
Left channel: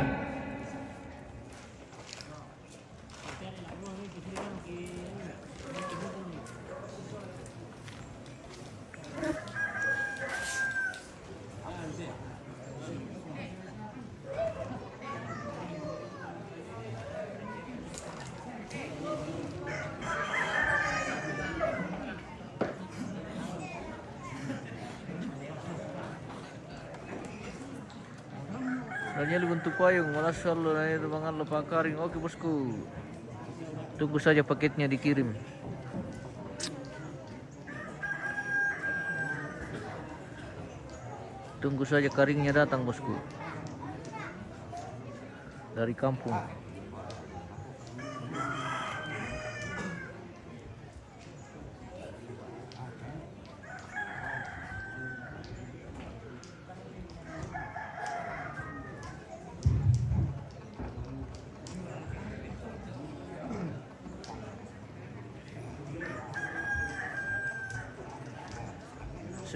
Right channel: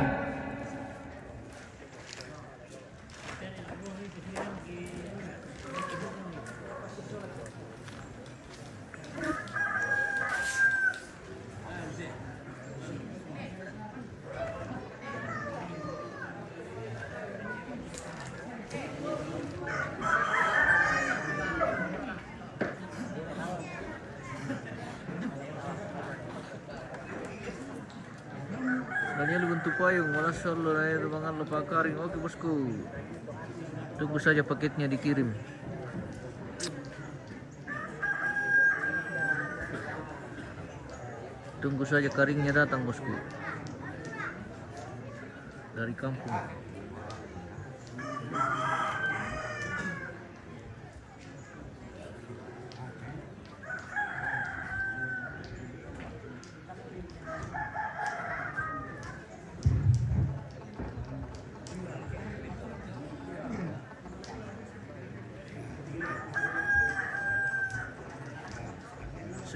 Daniel bentuk payung, malas selalu na itu mga lupakaring. Oke bosku, tunggu saja paketnya dikirim. Tunggu saja karingnya datang bosku dari kampung.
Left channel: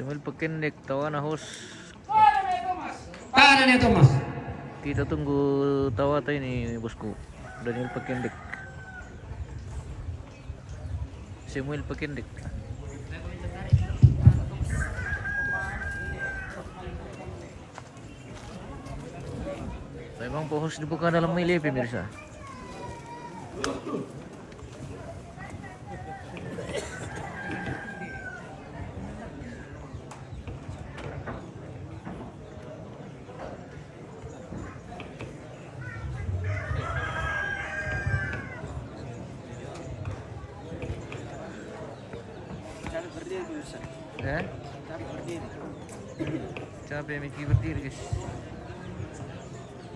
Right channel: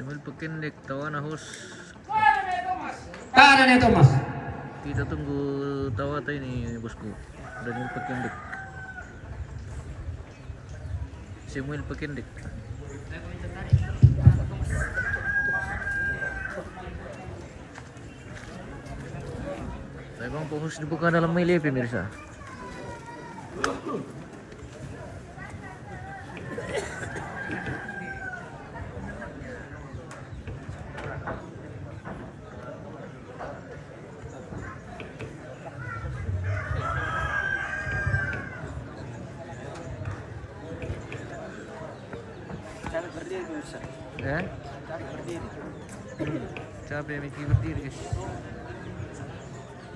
Samuel Pekendik, tawa na host. Kanan ya Thomas. Kita tunggu tawa tayo ni bosku. Daniel Pekendik. Samuel Pekendik. Memang pohon dibuka dalam milih pemirsa. Eh? Capek Miki berdiri guys.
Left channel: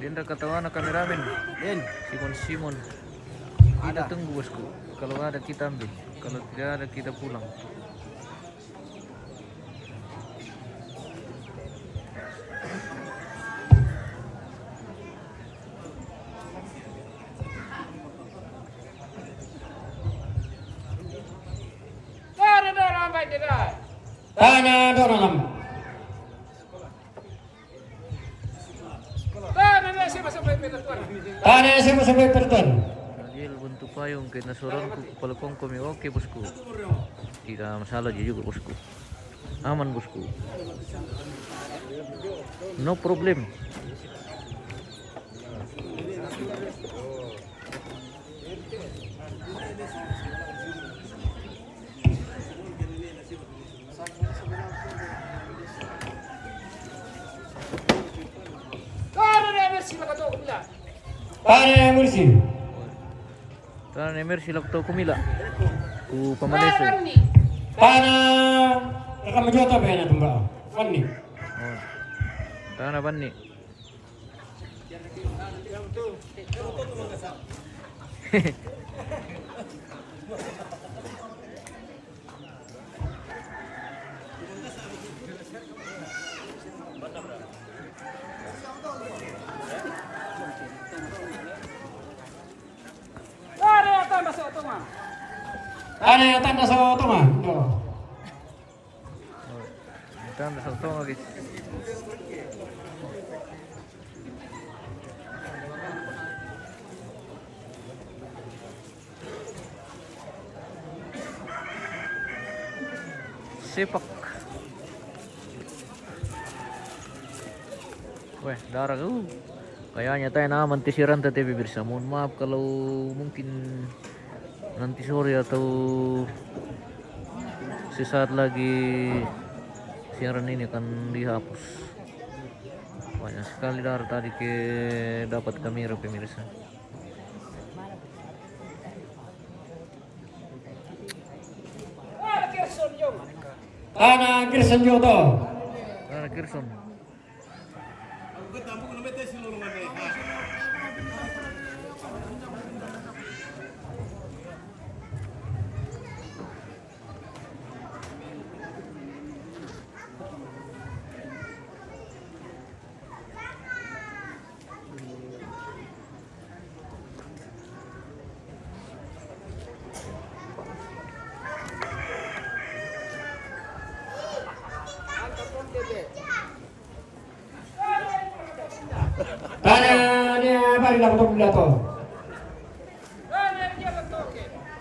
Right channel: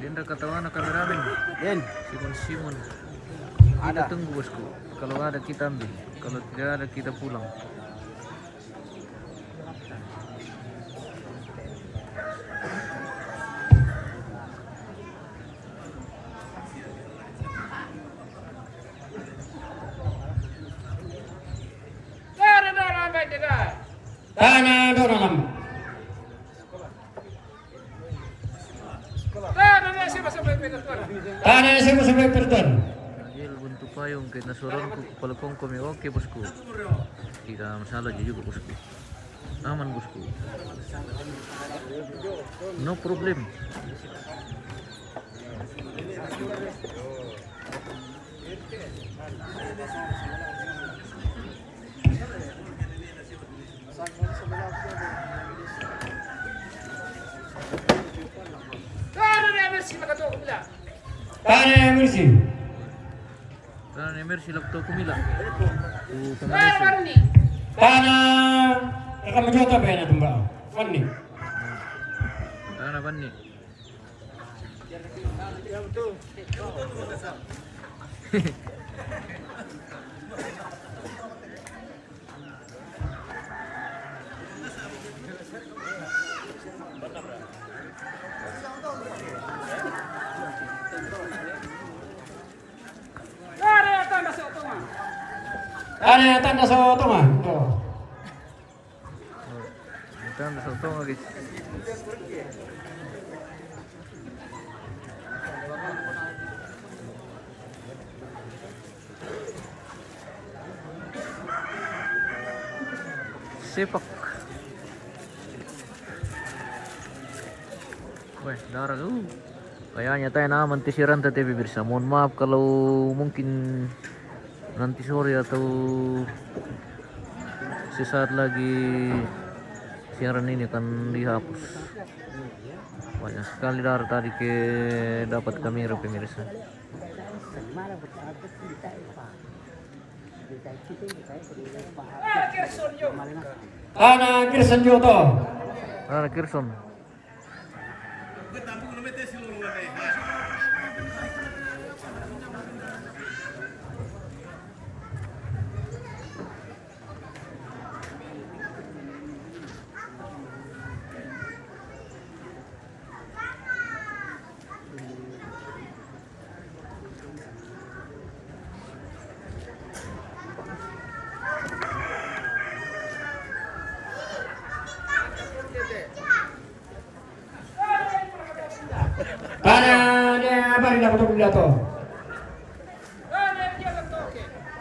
Dia ketawa anak kameramen. Simon. Kita tunggu bosku. Kalau ada kita ambil. Kalau tidak ada kita pulang. Tanah dalam. Tanah sampai perton. Daniel bentuk payung kena sorongku kepala kongkom ya oke bosku. Tidak masalah juga bosku. Aman bosku. No problem. Tanah Mercy. Karena Emer silap tau kumila. Ku Pamaneso. Tanah rekam jota bayar tuh mbak. Wani. Tanah Bani. Tanah tanda soto mah. Kita anda satu guys. Sepak. Weh, darah kayaknya tayo na mantisiran tadi pemirsa. Mohon maaf kalau mungkin nanti sore atau sesaat lagi siaran ini akan dihapus. Banyak sekali darah tadi dapat kamera pemirsa. Tanah Kirsten Joto. Tanah Kirsten. Tanah dia apa di lakukan pidato?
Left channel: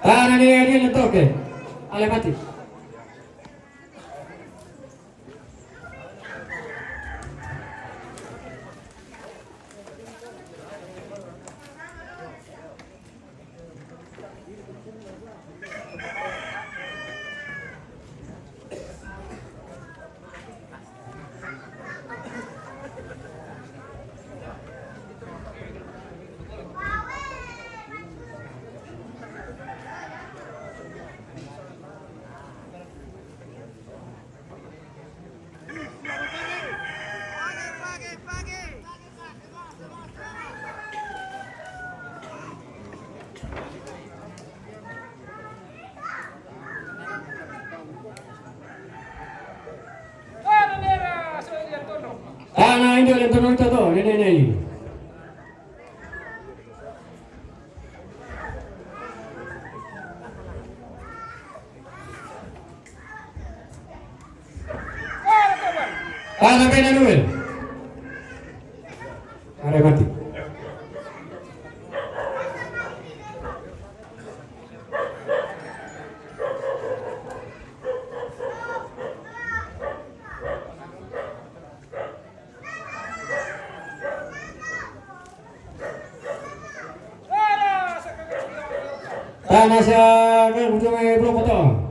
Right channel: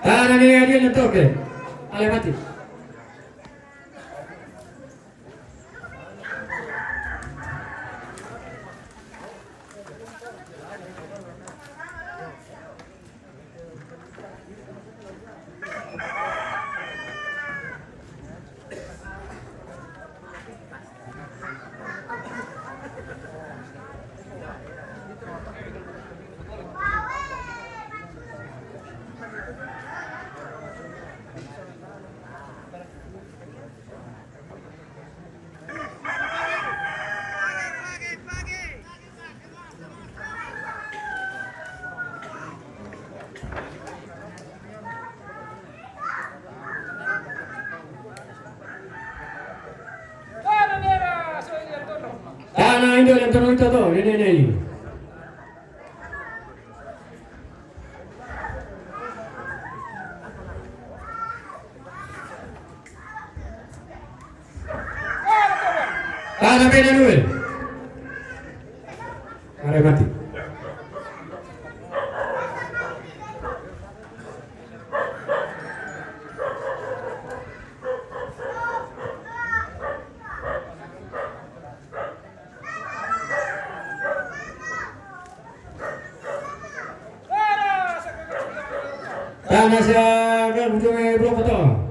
Tanah dia lentoke. Ale mati. Tanah Indo yang turun itu tuh, ini. Tahan sampai Daniel. Mari mati. Dan Asia ke ujungnya belum potong.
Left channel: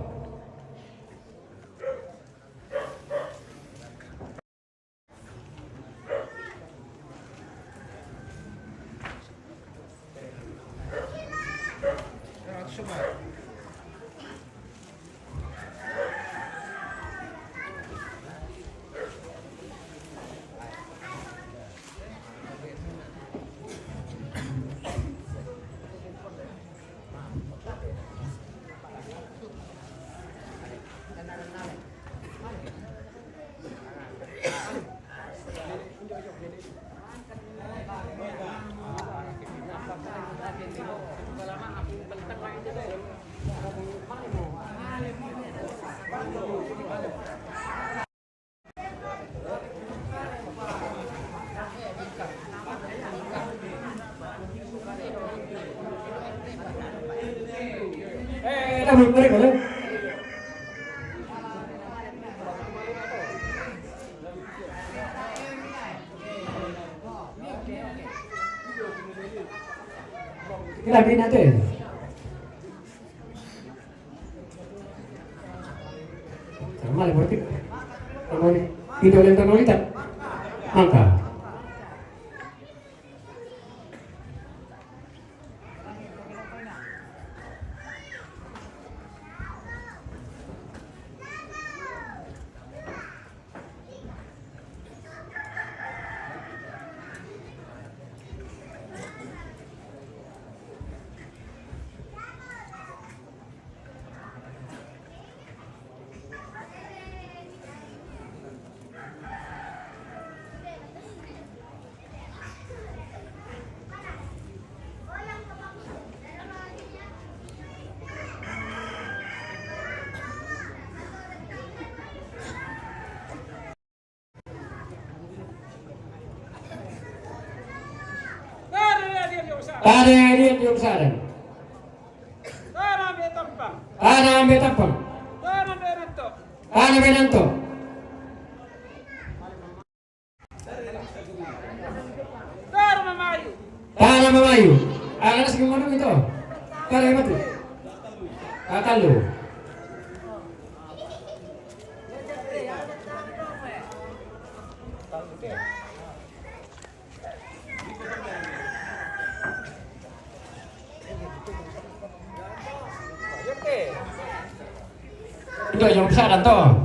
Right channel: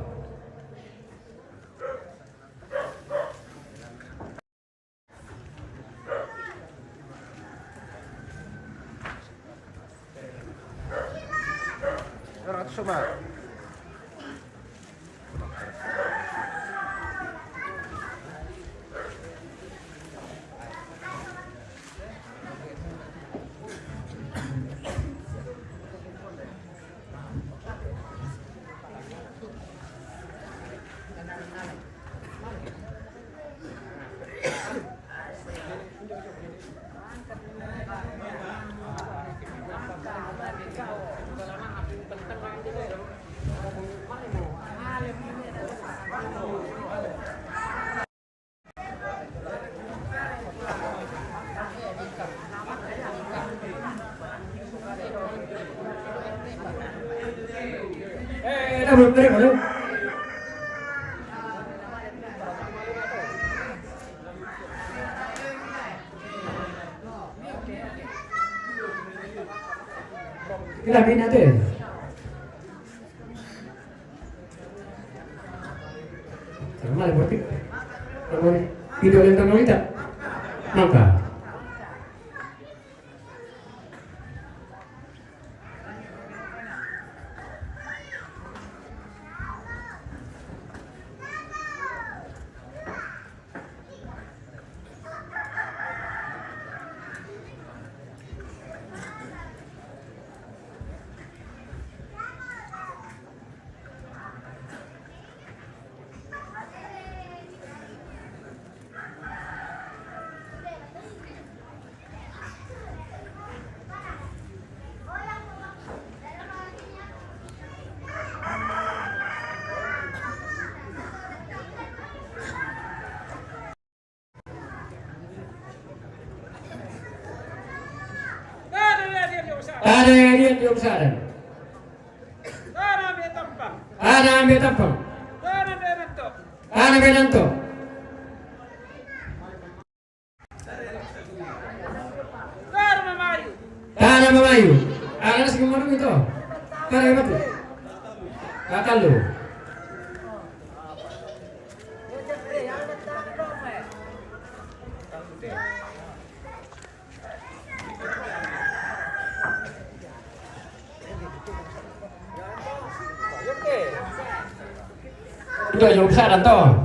Belum dari mana? Kita bina tu. Sama le berarti. Kalau video yang tanah kita, angka. Ada dia di usahakan. Ada ambil tampang. Ada benanto. Ada memayu. Ada segimana itu? Ada yang mati. Akal lu. Itu yang besar dan toh.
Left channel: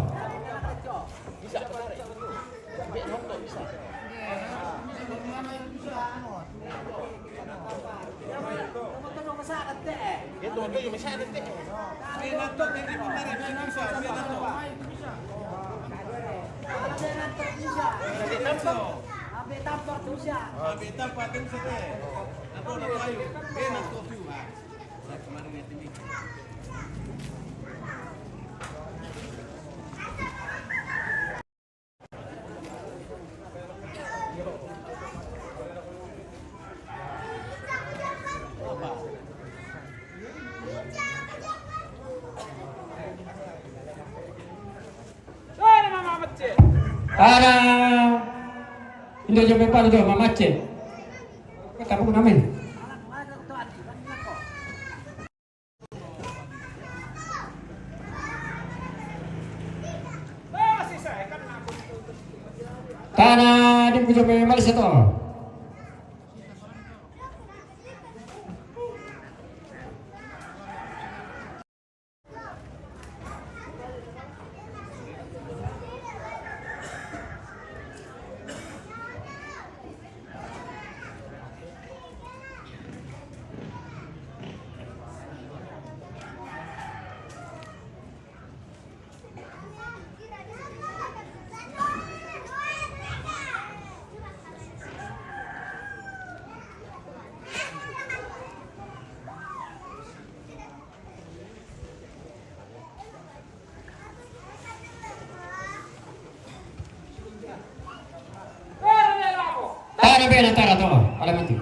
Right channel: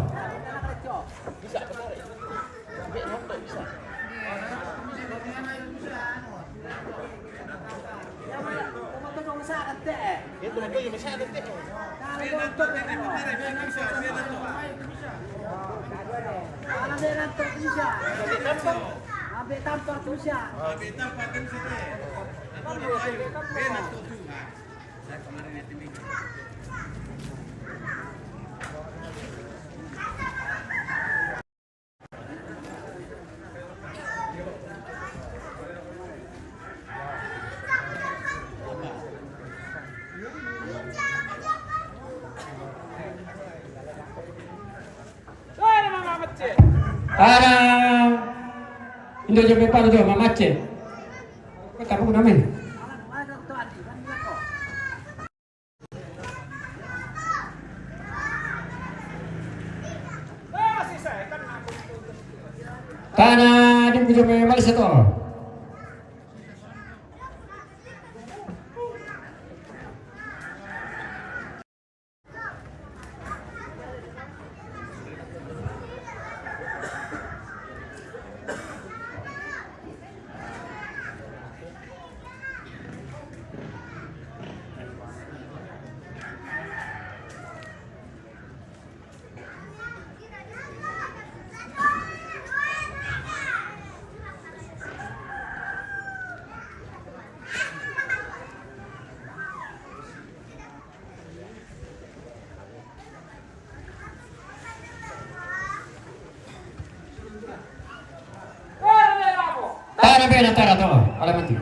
Para Indo jom depan tu macet. Kamu namen. Tanah di jom Malaysia tu. Para bene antara to, alamati.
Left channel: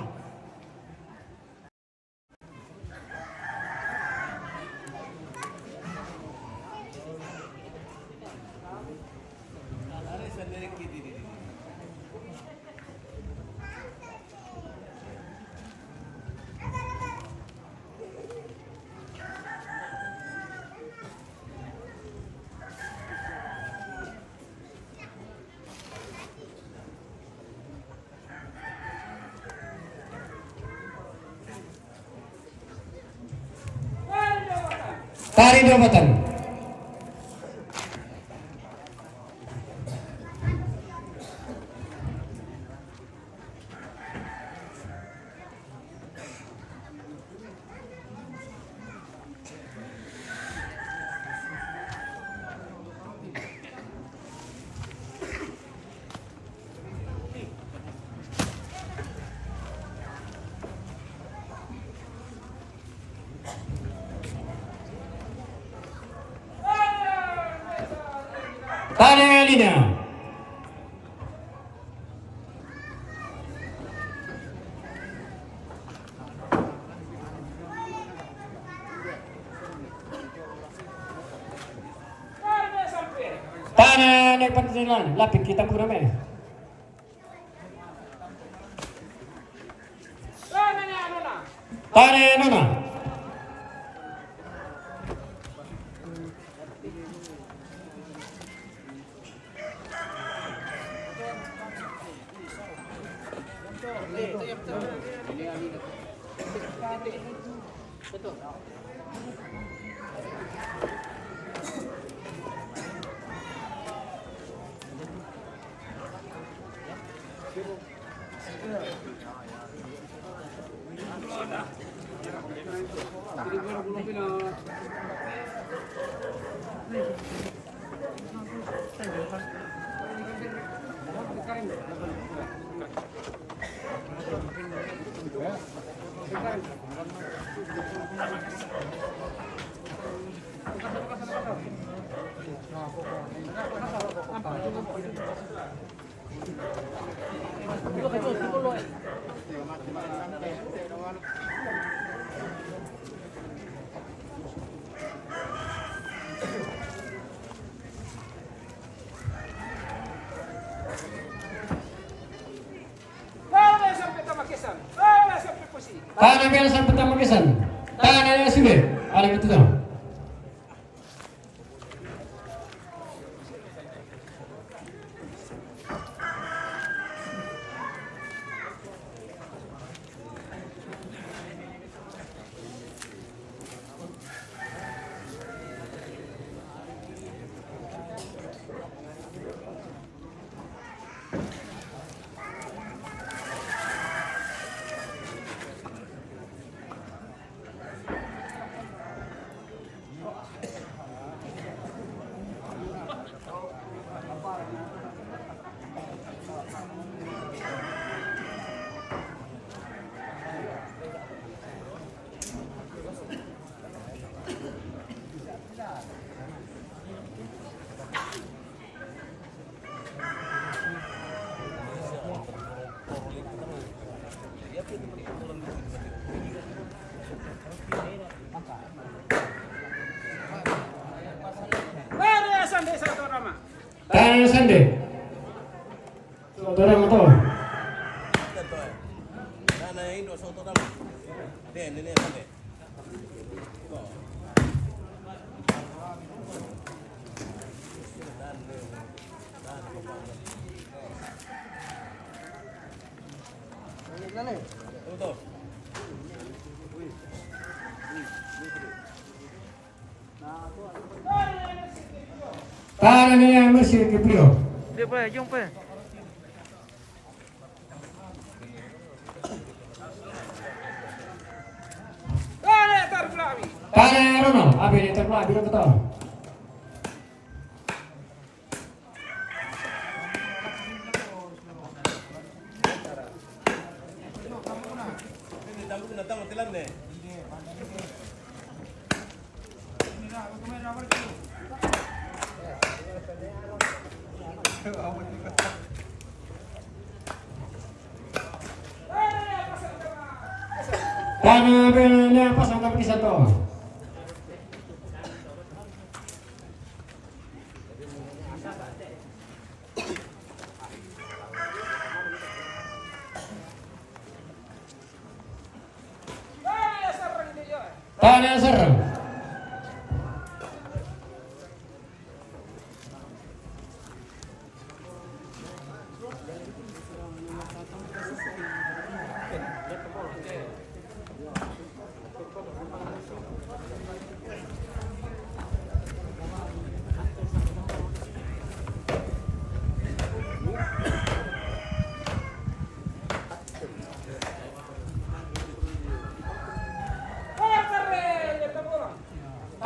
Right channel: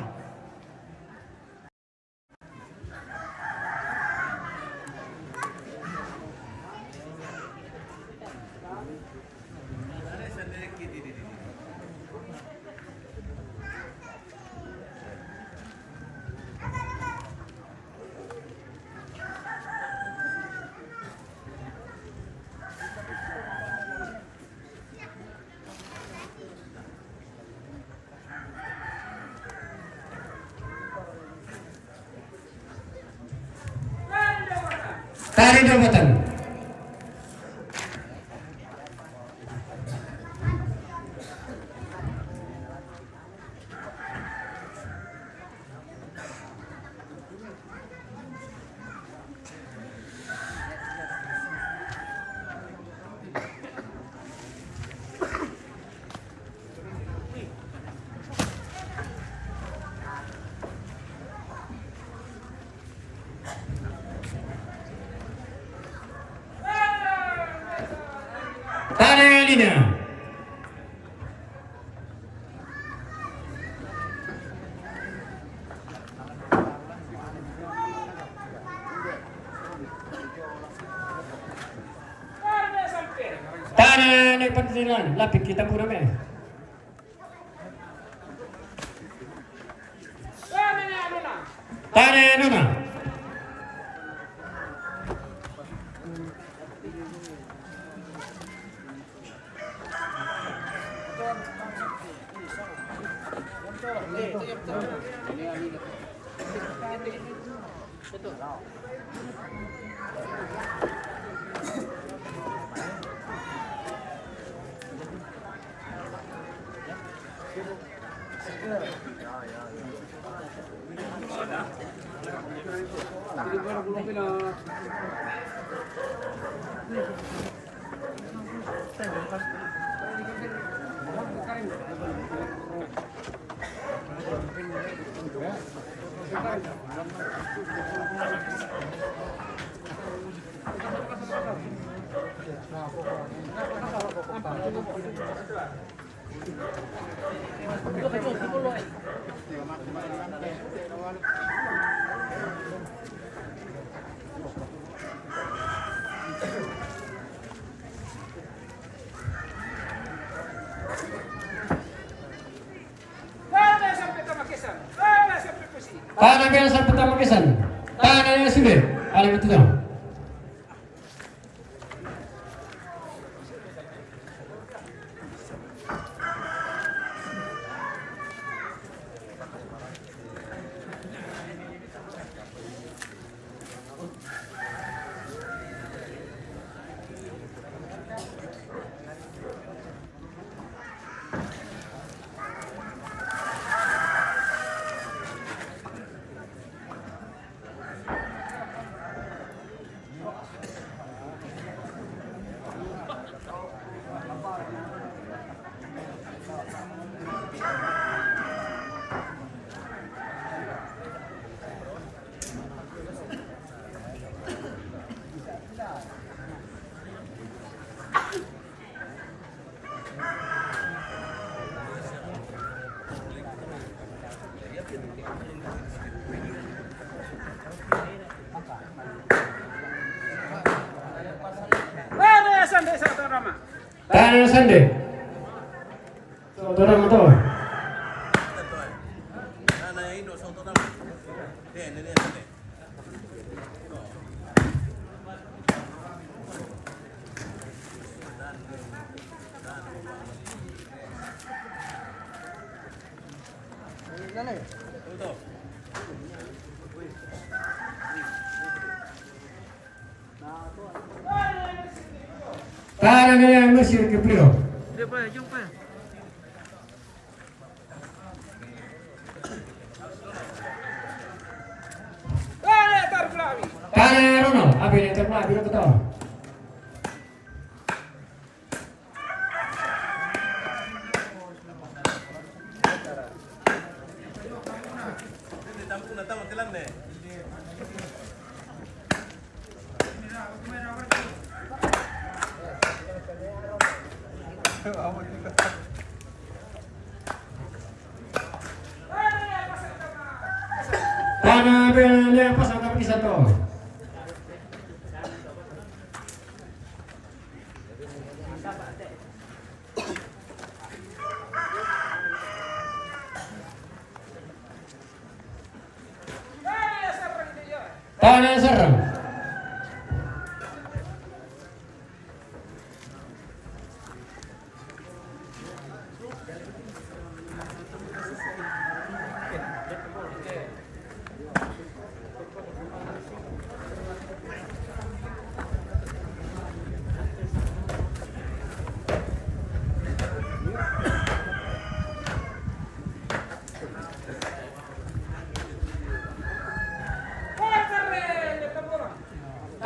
Tarik jabatan. Tarik linya. Tarik naik pantilan, lapik kita pura me. Tarik nona. Tanah biasa pertama kesan. Tanah sudah. Alim itu dah. Tanah sende. Orang itu. Tanah ni masih kepilih. Dia pa, jom pa. Tanah Ronald, abi ni terpelah, abi nak tahu. Tanah benanya pasang kaki satu. Tanah serang.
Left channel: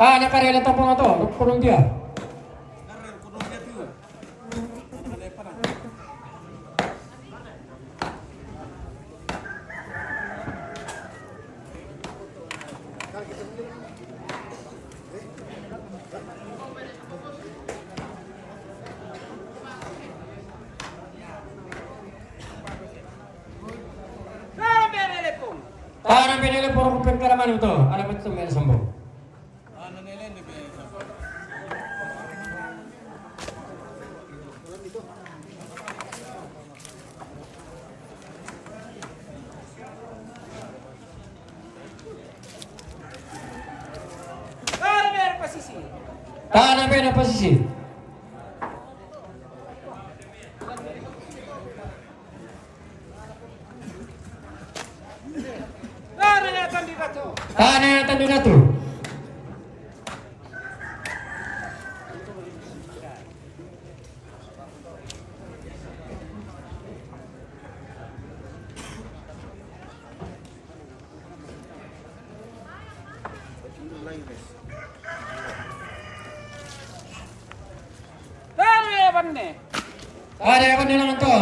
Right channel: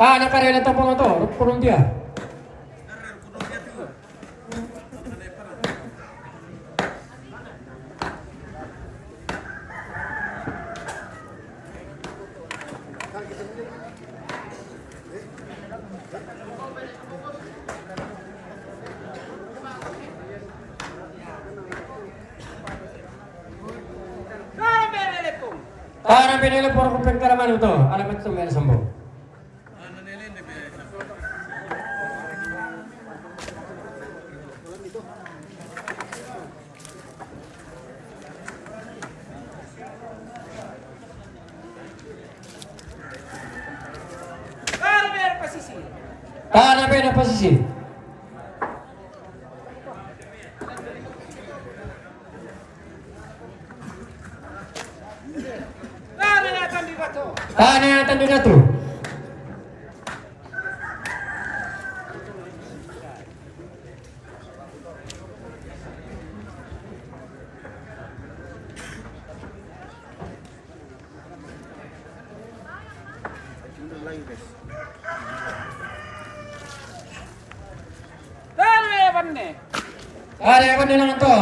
Tanah karya topong itu, kurung dia. Tanah benele por kupin karaman itu, alamat itu mereka sambung. Tanah beda posisi. Tanah tanda datu. Ada apa dengan itu?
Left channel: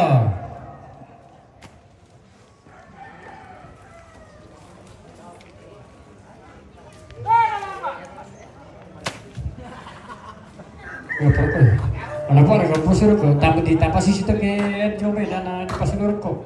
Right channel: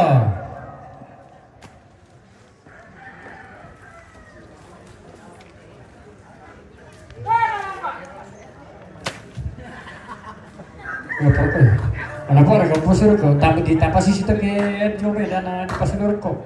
Ya apa? Kenapa orang kampus itu tapi di tapas sisi itu ke coba dan di pas kok.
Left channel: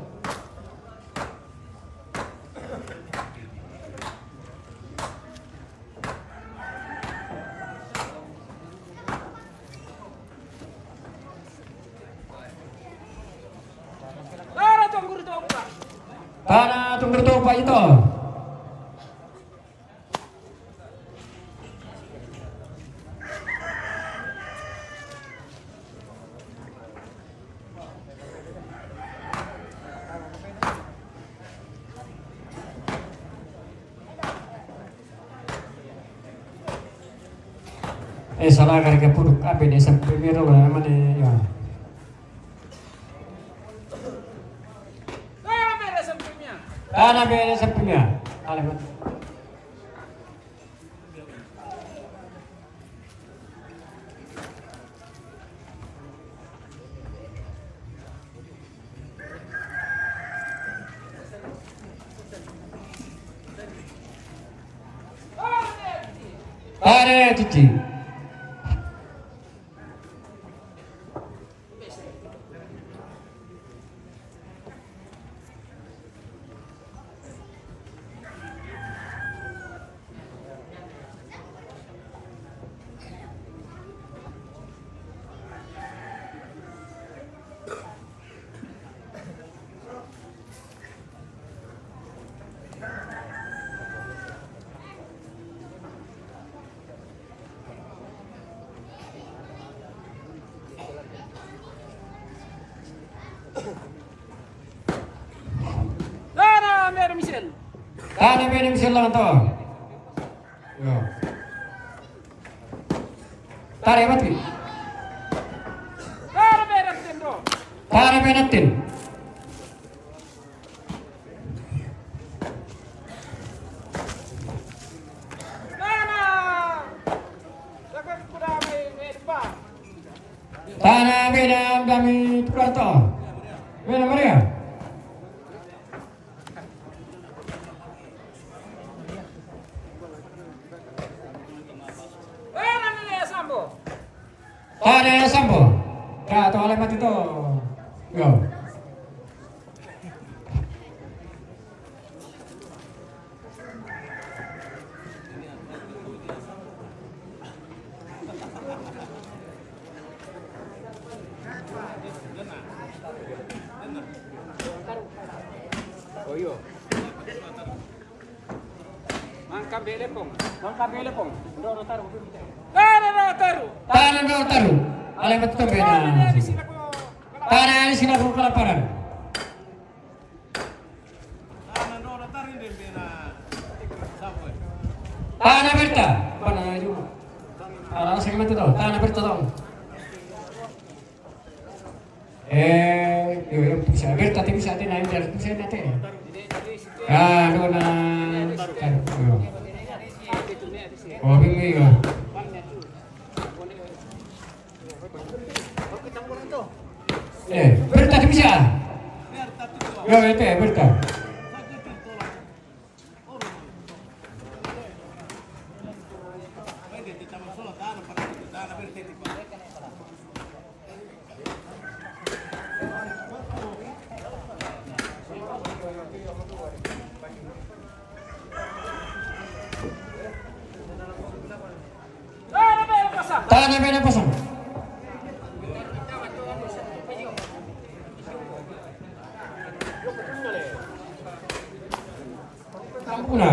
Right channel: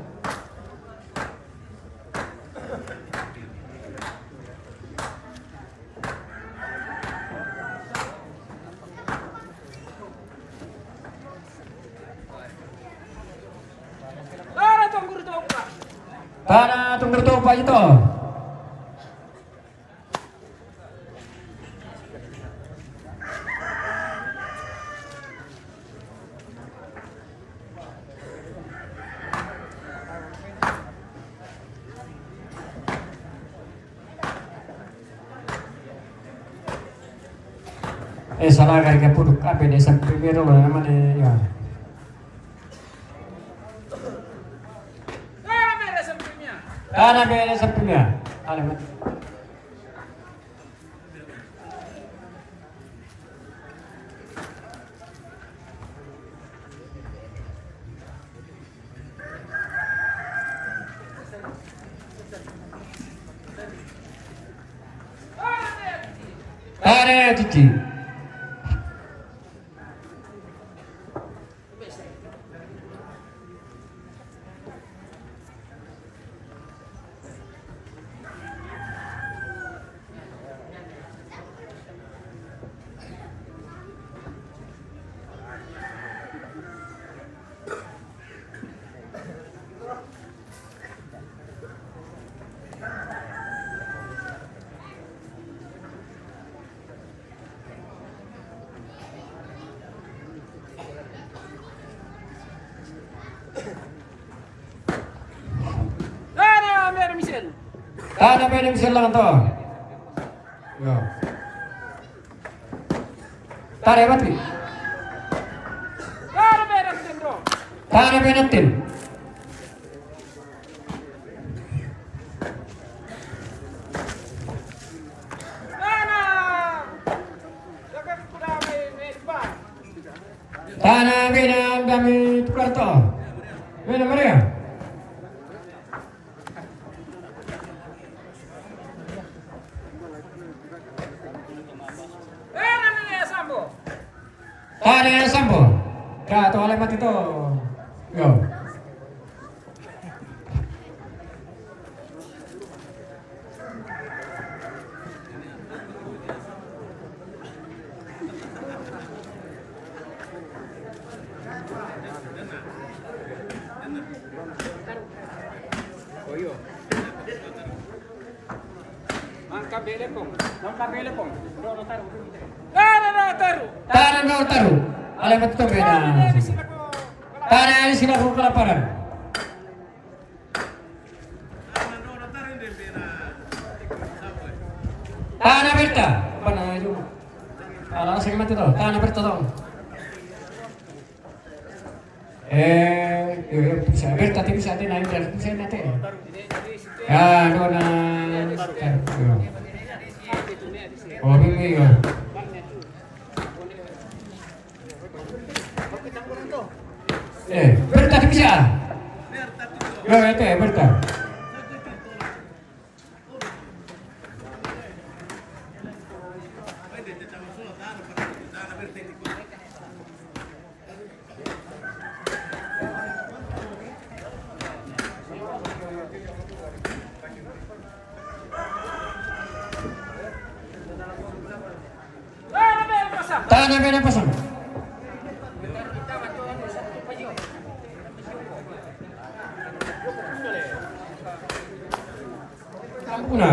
Tanah tunggu topa itu. Salah kali puduk apa desa primero lah namanya ya. Tanah beda sampingnya. Alamat. Tanah cici. Tanah beda misal lang to. Yo. Tarik mati. Tanah beda tin. Tanah beda kami tukar to. Beda Maria. Ada yang sampo. Kak, tu alamat itu. Go. Oh iyo. Mangka belepong. Ro taruh. Taruh. Tanah kau taruh. Alay betul beda. Tanah ini sila ko kelaparan. Tanah berta. Apa na itu? Alang sing mati to. Tanah berta to. Yo bisa berta tapi bisa ada naik dari bisa nanti. Ah, no na. Oh, ini ya. Berta di bisa. Yo, itu berta. Tanah beda pasang. Kampuna.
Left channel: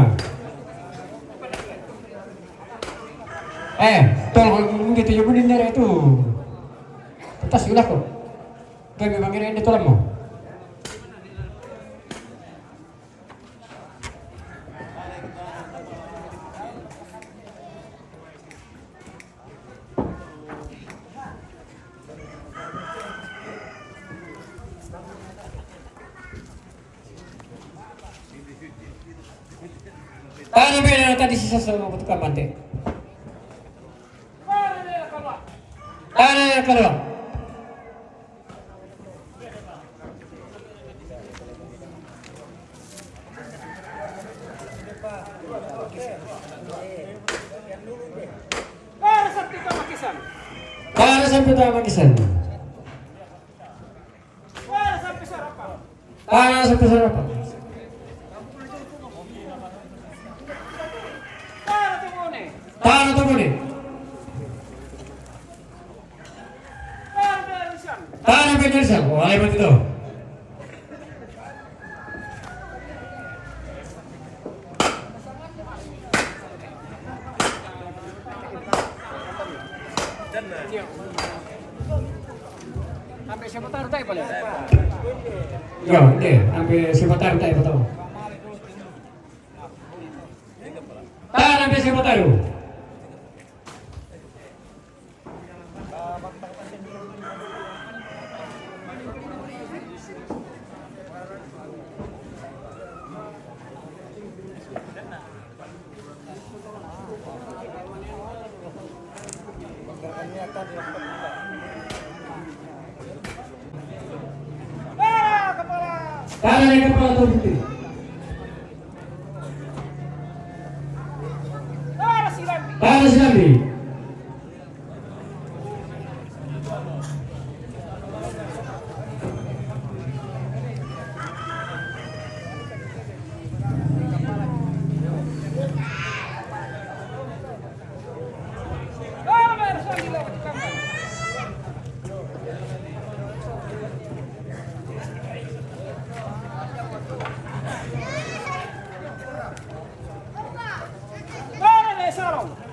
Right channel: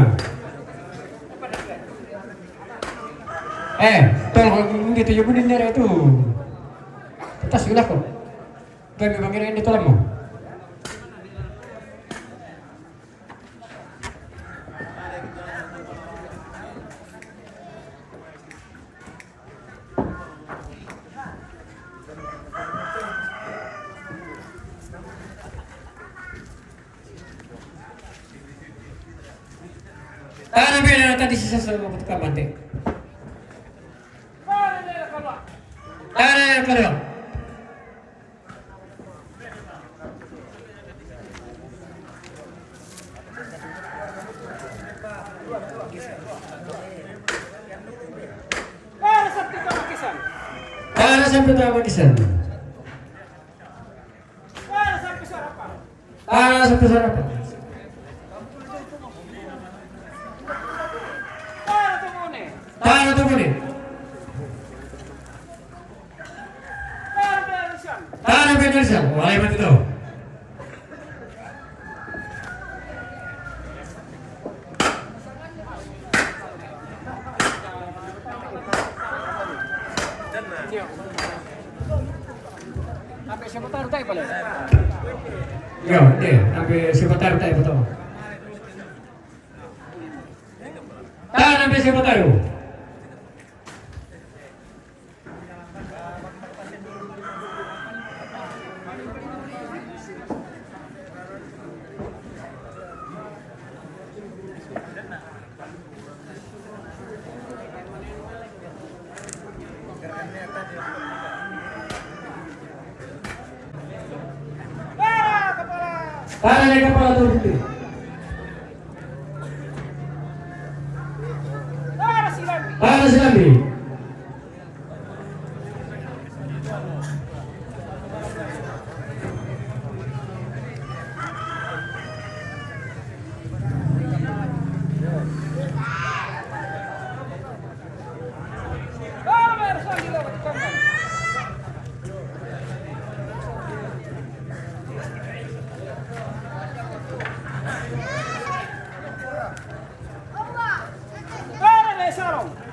Tolong gitu ya bunin dari itu. Atas sudah kok. Kami panggilin itu lama. Tanah beda tadi sisa sama butuhkan bante. Tanah keluar. Tanah sampai tahu kisan. Tanah sampai sarapan. Tanah tu boleh. Tanah benersan. Wahai betul. Sampai siapa taruh tay boleh? Yo, sampai sebentar tak betul. Tanah sampai sebentar. Tanah yang kepala tu putih. Tanah silambi.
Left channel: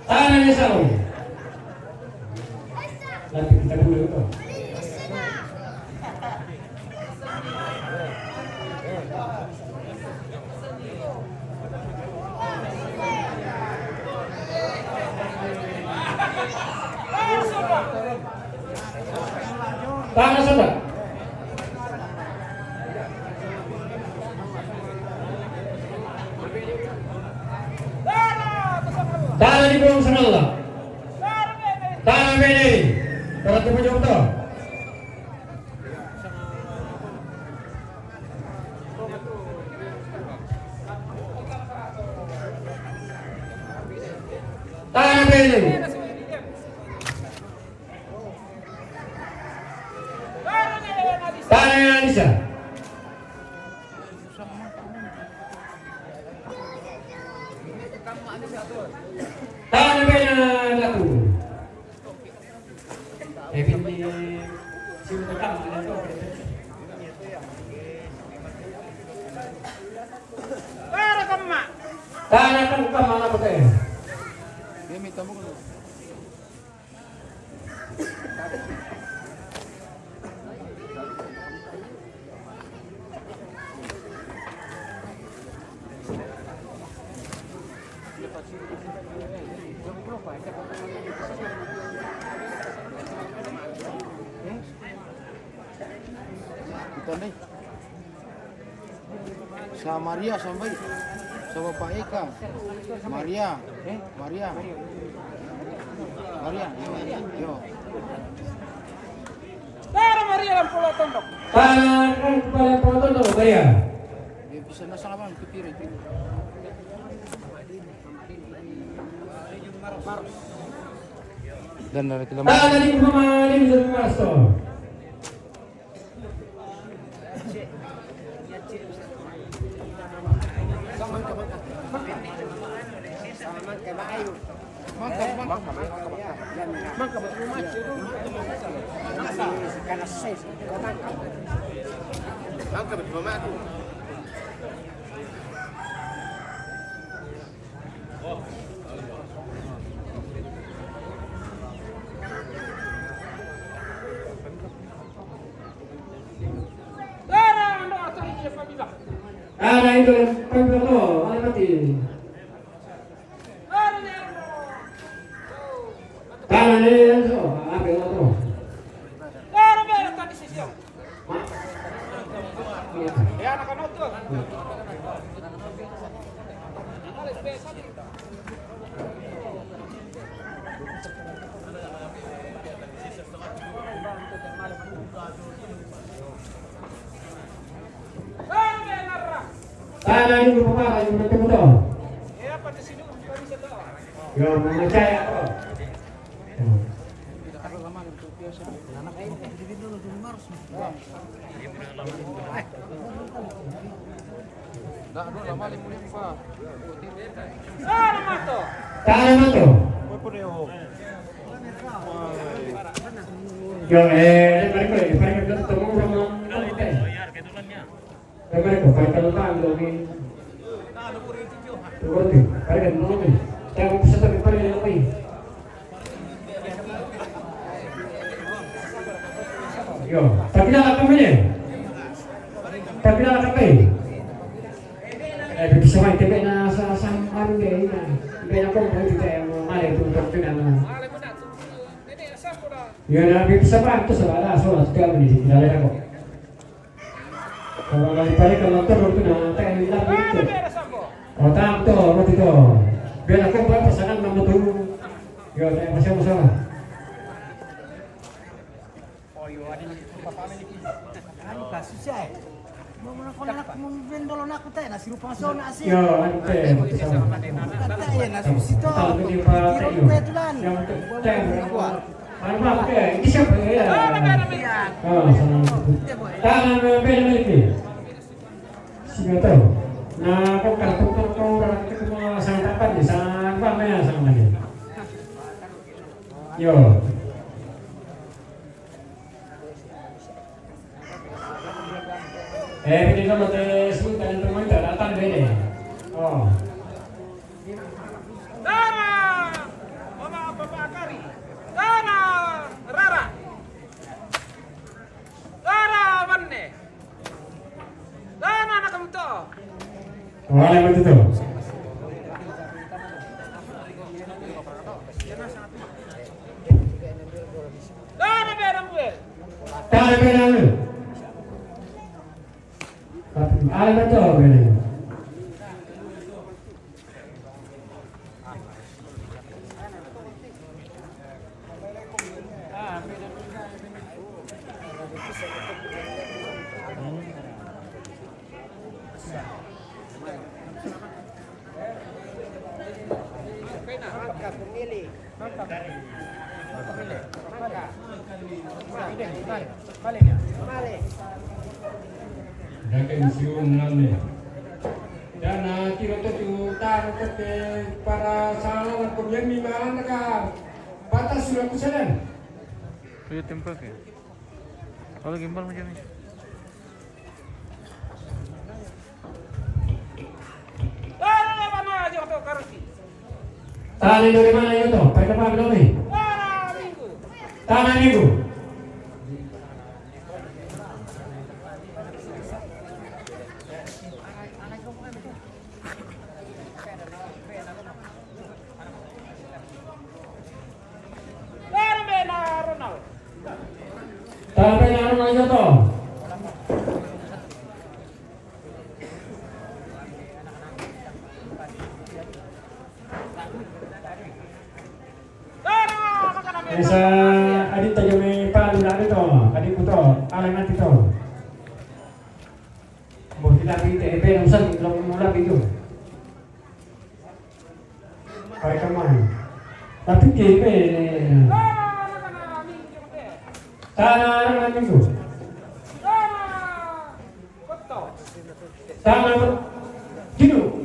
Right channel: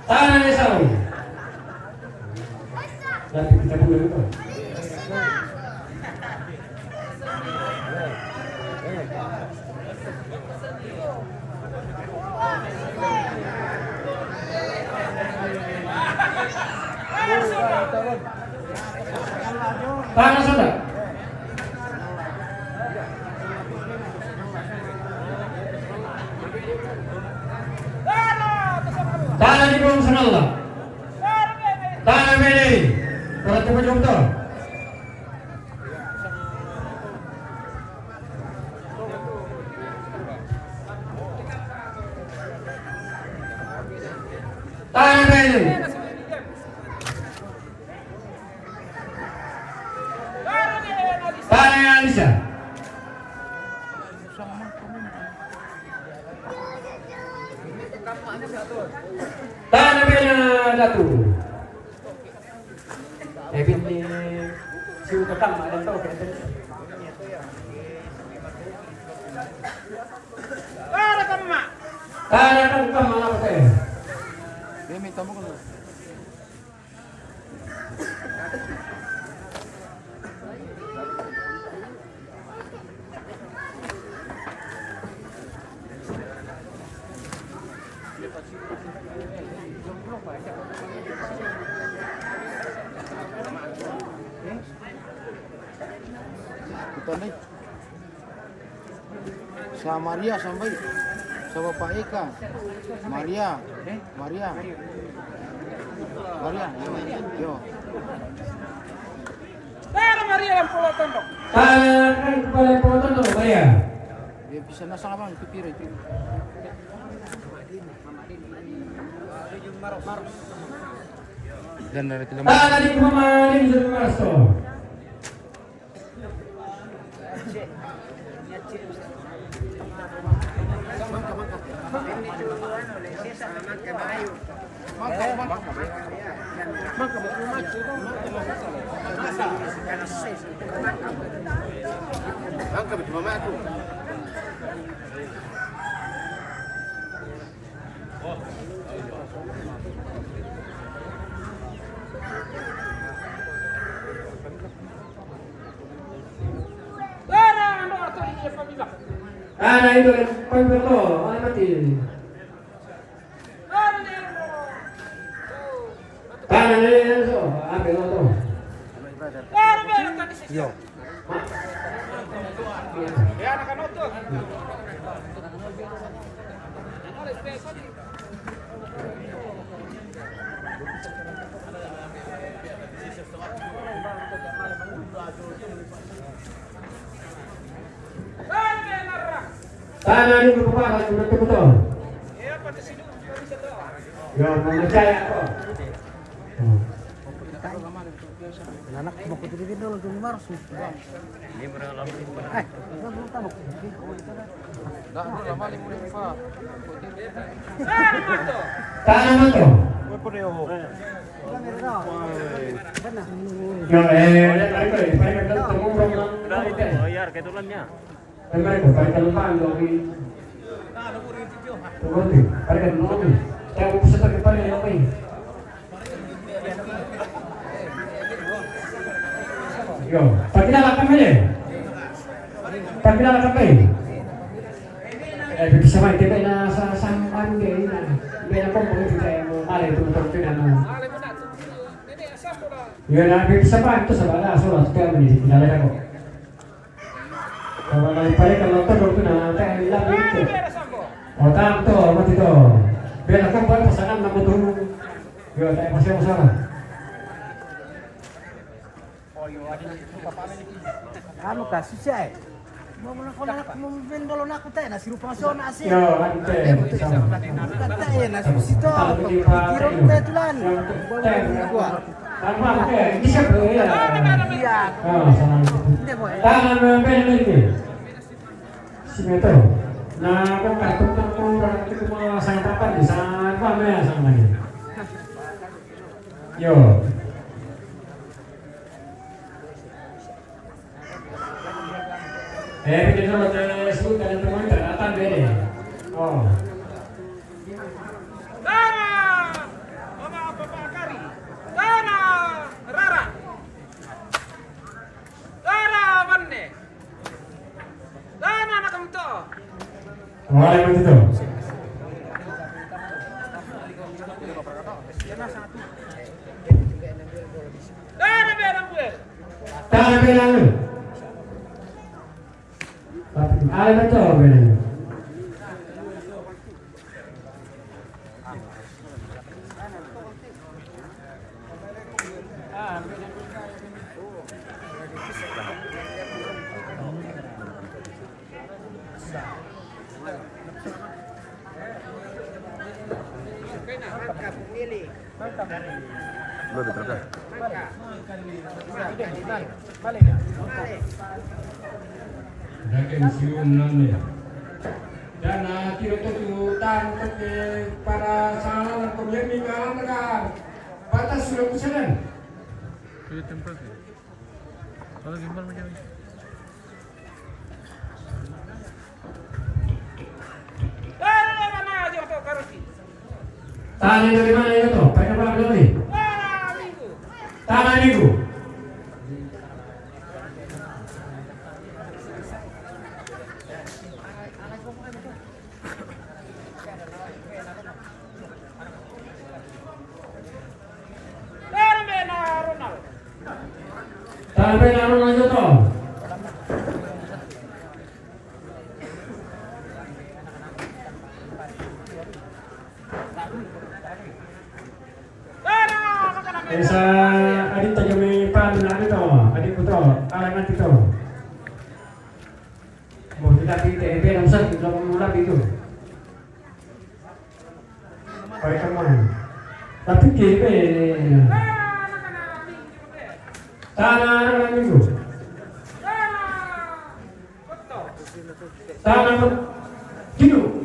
Tanah yang salah. Nanti kita dulu itu. Tanah sudah. Tanah di bawah sana Allah. Tanah beda. Kalau tu macam tu. Tanah beda. Tanah yang bisa. Tanah beda datu. David ni siu tetap ada tahu. Tanyakan ke mana pakai. Dia minta mau kan. Kita nih sama Maria sampai sama Pak Eka Maria Maria yo Maria yang pulau tondok Tanyakan kepada penonton dulu Maria. dia bisa nasang apa itu pira itu dan dari kilometer Tanyakan di Mama Adin sama Masto. Ada itu yang paling perlu, apa sih? Ada itu, apa itu? ya anak-anak tuh Tanah ini merupakan betul-betul. ya pada sini bisa tahu Yo, percaya kok. lama limurin Pak. Tanah itu. Yo, Bayar ketulannya. Yo, pagina la kamera. Pagina la kamera. Bisa main TV na sa sampan dia ina. Dia na kung boleh kita yang mali itu betul na. Yo na bisa pa itu sa bala so at kaya ni dala ko. Kalau balik kalau terus na kayak lagi itu. Oh, tanto, mati to. Biar ako pa sa nama mo tu. Yo, tayo masaya-masaya. Anu kasus ya. Mau vendolo nak kita nasi rupa sona asyik. Yo, ante. Kata ya nasi sito. Kira kita tulan. Tanpa ke, bisa boleh ya. Iya. Oh, tangan membel lagi. Sini tu. Nah, kau orang itu mau sang apa di sana apa ya sama ni. Yo. Kita kalau sebut kalian teman datang beda. Oh. Dana Mama Bapak Akari Dana Rara Dana Wanne Dana Nakamto Oh, yang begitu. Dana Berangwel Tangan beda. Ah, betul beda. Maka pemilih. Malik. Dakin siung nane. Dan kira tu utang ke para salah pemimpin kalang ka batas 90%. Pwede tempat ke? Kalau gimbal macam ni. Dana mana aja Tangan dari mana itu? Pakai apa lagi? Tangan minggu. Tangan Ronald itu. Bisa adik tayo may paano ito, adik ko to, anak ito. Oh, tinabi ito, ito yung saan, ito yung labi ito. Ay, kaman. Tapi kaya eh. Tanah naman minggu. Tanah Kino.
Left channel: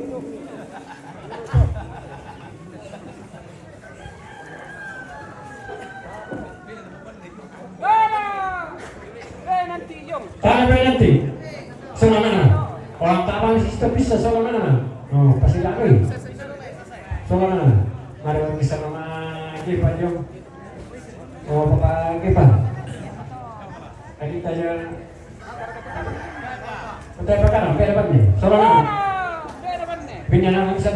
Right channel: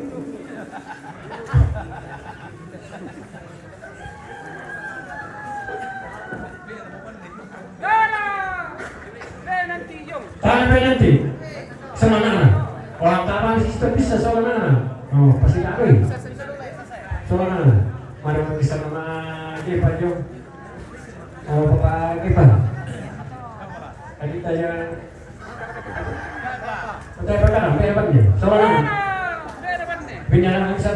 Tangan penalti. Semangat. Orang kapan sistem bisa semangat. Oh, pasti nak ni. Semangat. Mari kita sama kita jo. Oh, kita. Tadi tanya. Utai apa kan? Apa ni? Semangat. Pinjaman saya